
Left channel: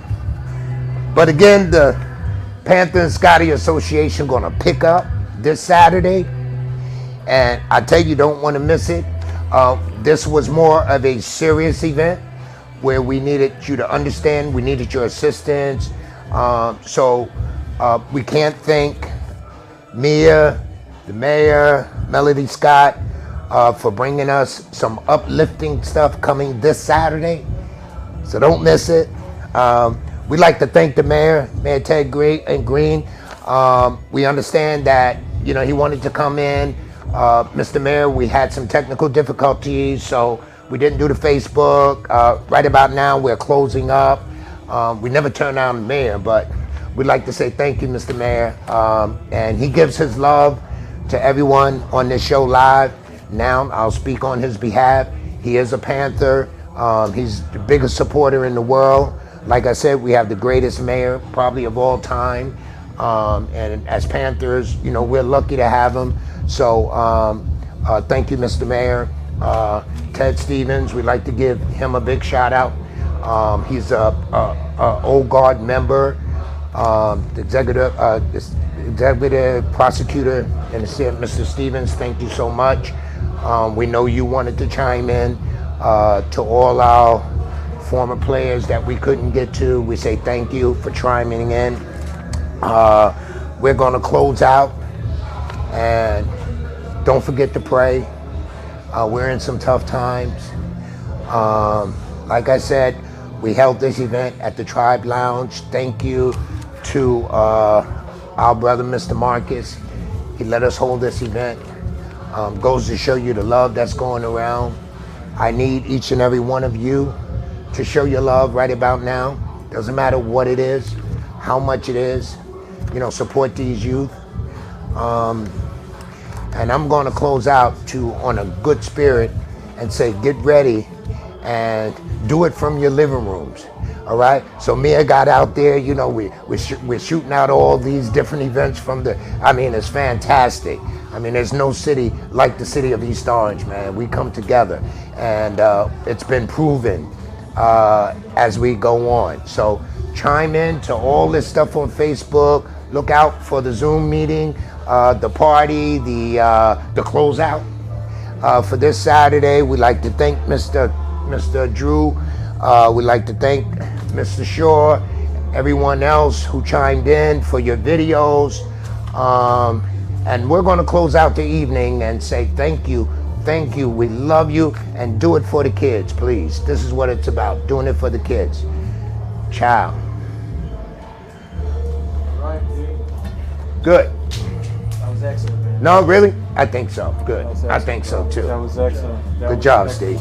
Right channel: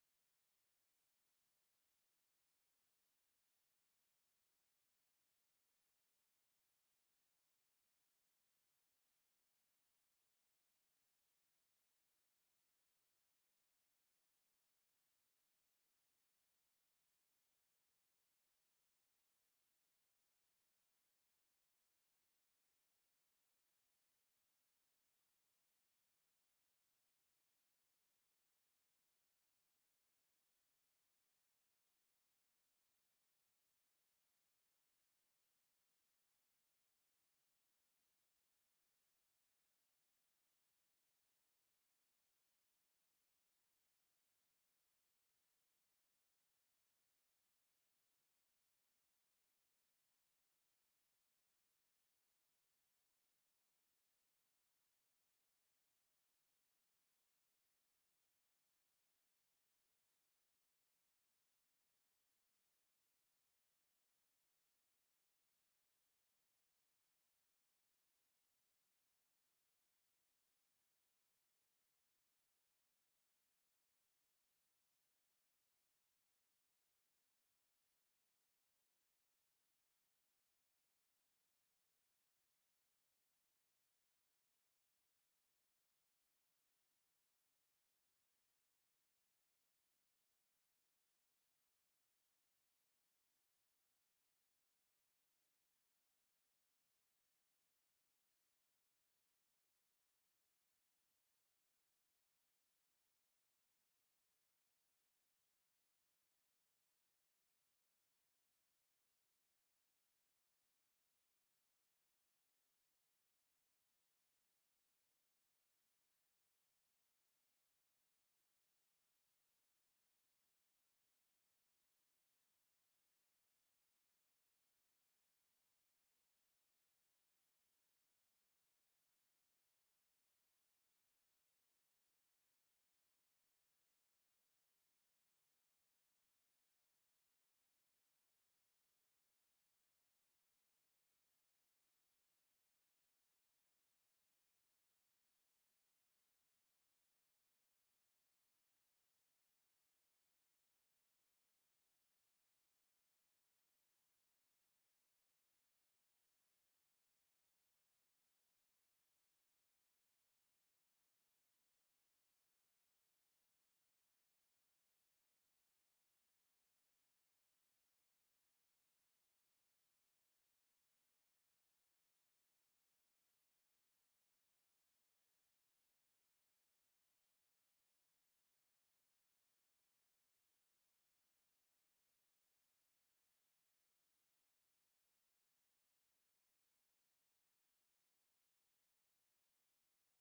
But again, the Panther and Scotty Association gonna pick up this Saturday. And I tell you, don't wanna miss it. This was more of a serious event where we needed you to understand, we needed your assistance. So we can't thank Mia, the mayor, Melody Scott, for bringing us some uplifting stuff coming this Saturday. So don't miss it. We'd like to thank the mayor, Mayor Ted Green. We understand that, he wanted to come in. Mr. Mayor, we had some technical difficulties, so we didn't do the Facebook. Right about now, we're closing up. We never turn down the mayor, but we'd like to say thank you, Mr. Mayor. And he gives his love to everyone on this show live. Now, I'll speak on his behalf. He is a Panther. He's the biggest supporter in the world. Like I said, we have the greatest mayor probably of all time. And as Panthers, we're lucky to have him. So thank you, Mr. Mayor. Ted Stevens, we'd like to give him a big shout out. He's a old guard member, the executive prosecutor, and Mr. Stevens, thank you so much. We know you wanted to chime in. To all our former players that we couldn't get to, we say thank you for chiming in. We're going to close out, and don't forget to pray. We're in some tough times. Like I said, we held this event at the Tribe Lounge. Thank you to our brother, Mr. Marcus. He let us hold this event. Goes to show you the love that's going around. I need each and every one of you to show your love right about now. Doesn't matter what it is, how much it is. Support these youth. And I'm going to close out on a good spirit and say, get ready and do it from your living rooms. All right. So Mia got out there. You know, we're shooting out all these different events from the. I mean, it's fantastic. I mean, there's no city like the city of East Orange, man. We come together, and it's been proven as we go on. So chime in to all this stuff on Facebook. Look out for the Zoom meeting, the party, the closeout for this Saturday. We'd like to thank Mr. Drew. We'd like to thank Mr. Shaw, everyone else who chimed in for your videos. And we're going to close out the evening and say thank you. Thank you. We love you. And do it for the kids, please. This is what it's about, doing it for the kids. Ciao. Good. That was excellent, man. No, really? I think so. Good. I think so, too. That was excellent. Good job, Steve.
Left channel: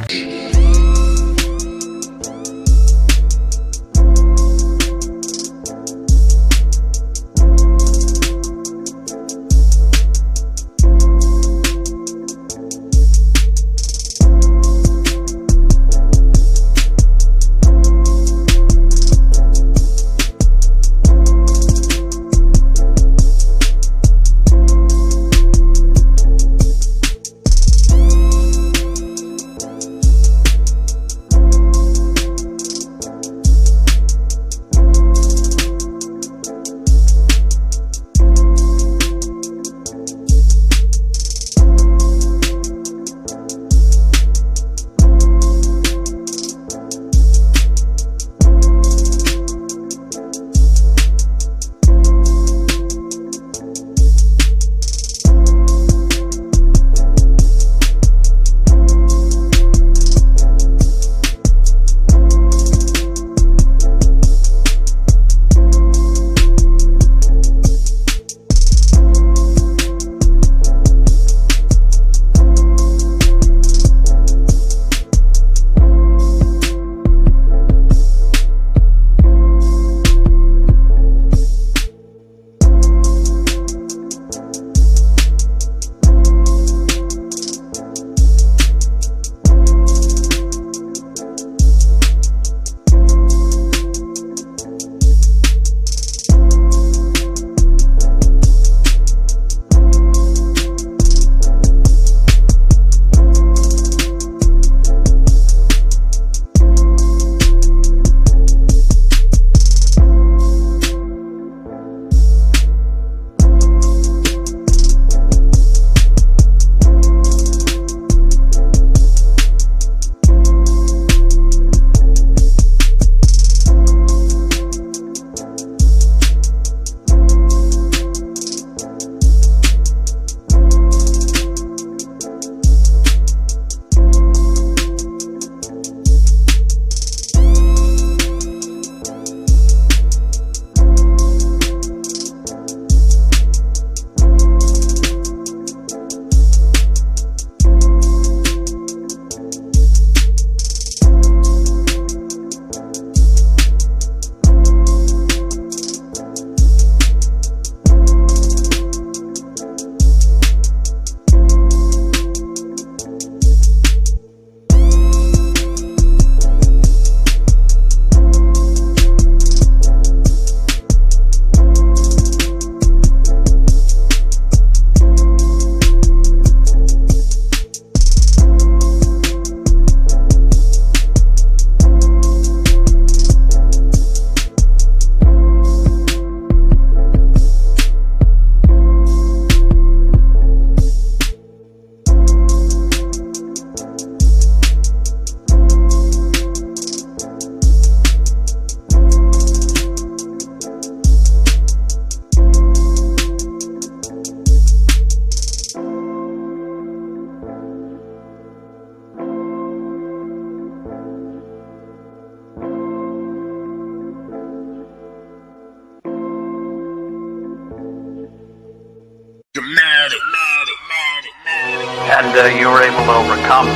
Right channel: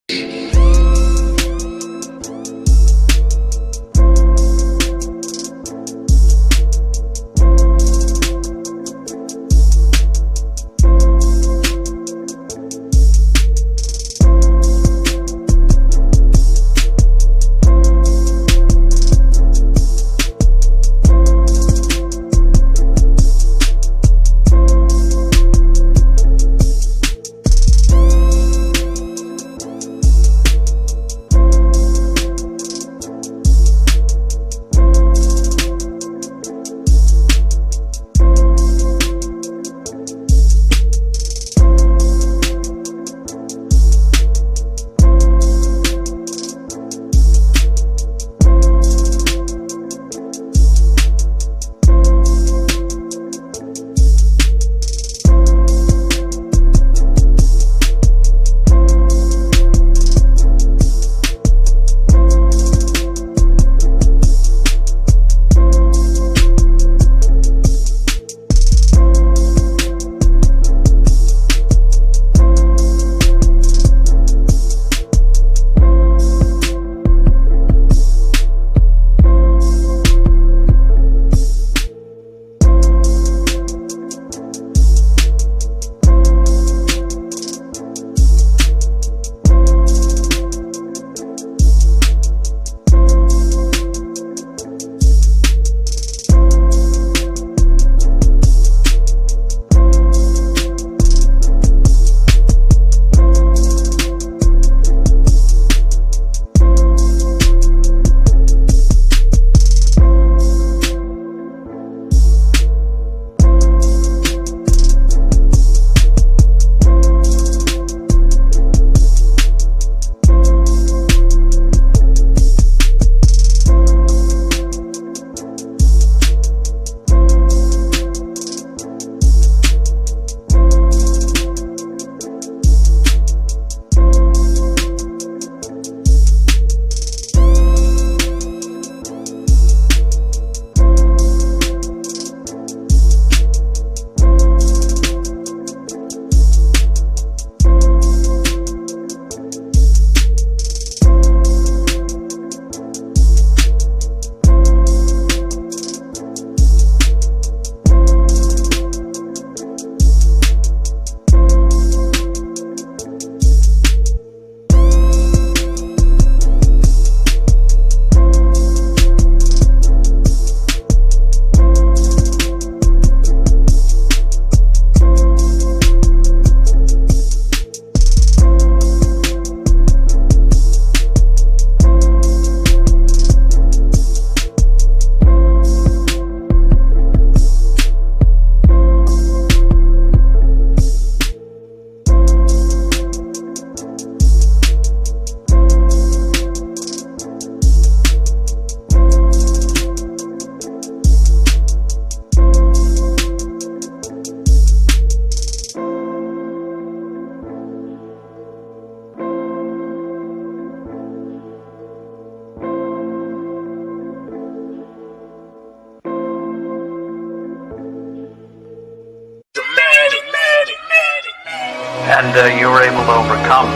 And you were able to overcome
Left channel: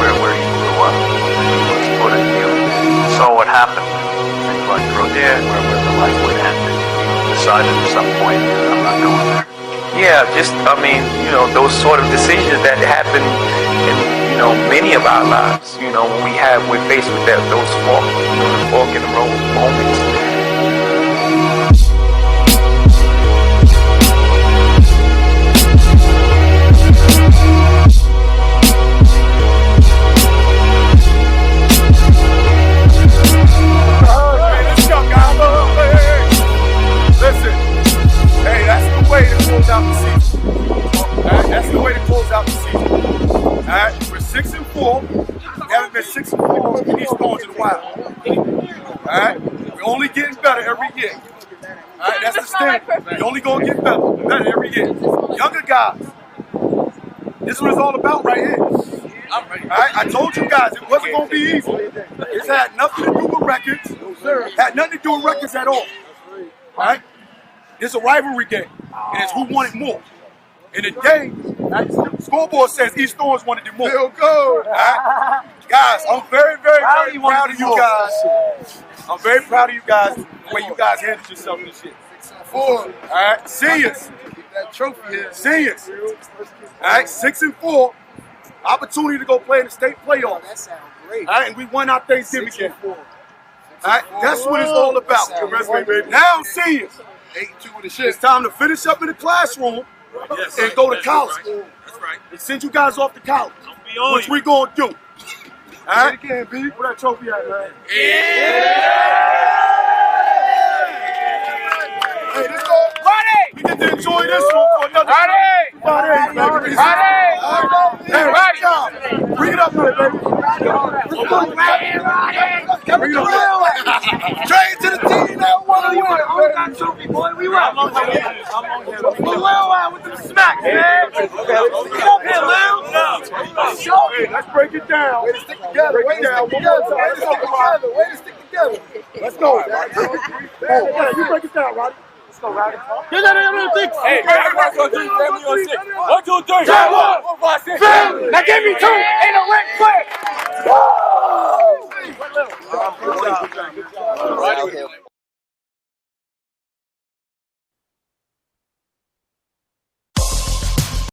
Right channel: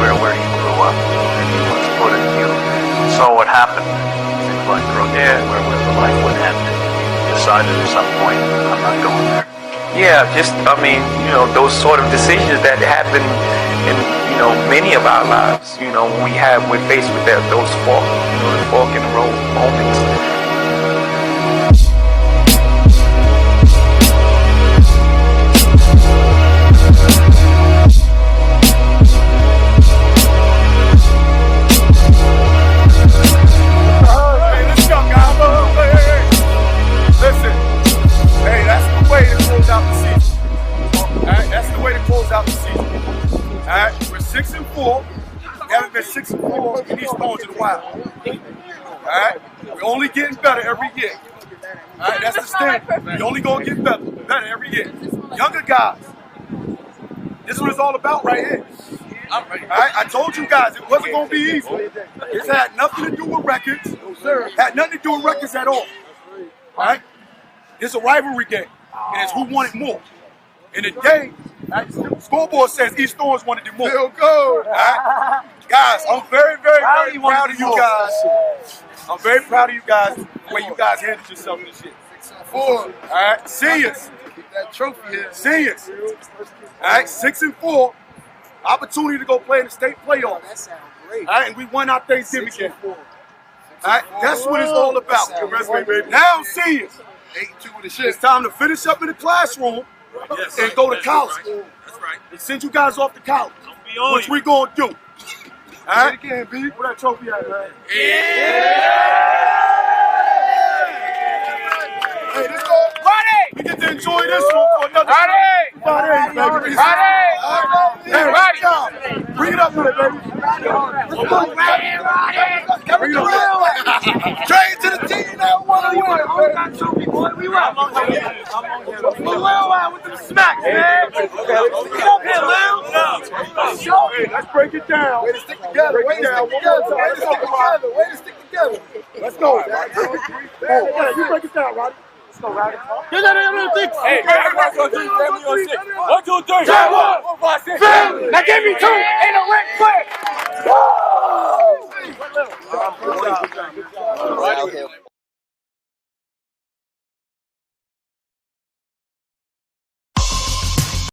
where you grew up, and you was put in, you saw what happened, and you like grew there, where the life would end, and you decided at some point, I'm not going there. Yeah, just, I mean, you know, those sort of decisions that happen in, many of our lives, when we're faced with those fork in the road moments. Listen, hey, that's the way to close out the season. Alright, that's the way to close out the season. Alright, we're 6-4. We haven't been 6-4 in these Thorns in a while. Alright, we're only getting better every year. Alright, that's the standard. We're only gonna get better every year. Younger guys, this is what it's all about right here. Alright, I told you guys it wasn't gonna be easy. It's had nothing to do with records. Had nothing to do with records at all. Alright? It's a rivalry game, and it's who wanted more. In the game, the scoreboard says East Thorns wanted it more. Feel good. Right? Guys, I'm very, very, very proud of you guys. I'm very proud of you guys, the way you guys handled yourself this year. All right, seniors. That trophy here. Seniors. All right, 6-4. Opportunity to go play in the state playoffs. That sounds great. All right, and we won our Thanksgiving game. All right, that's what it's all about. Now, seniors. It's time to finish up in the classroom and go to college. That's right. And send you guys off to college, which we gonna do. All right? Again, B. Where that trophy at, man? Hey, let's go. We get to enjoy this one for another 5 days, baby. Hey, bring it up here, baby. Bring it up. Trade to the team that won. We got trophy, boy. We rock. I'm on here. With the smack, man. Get up here, Lil. Hey, let's break it down. Way to stick together. Way to stick together. Let's go. Yeah, you break it down, Roddy. Let's go, Roddy. Hey, everybody's going to do family on 6. 1, 2, 3. Family. Now give me 2.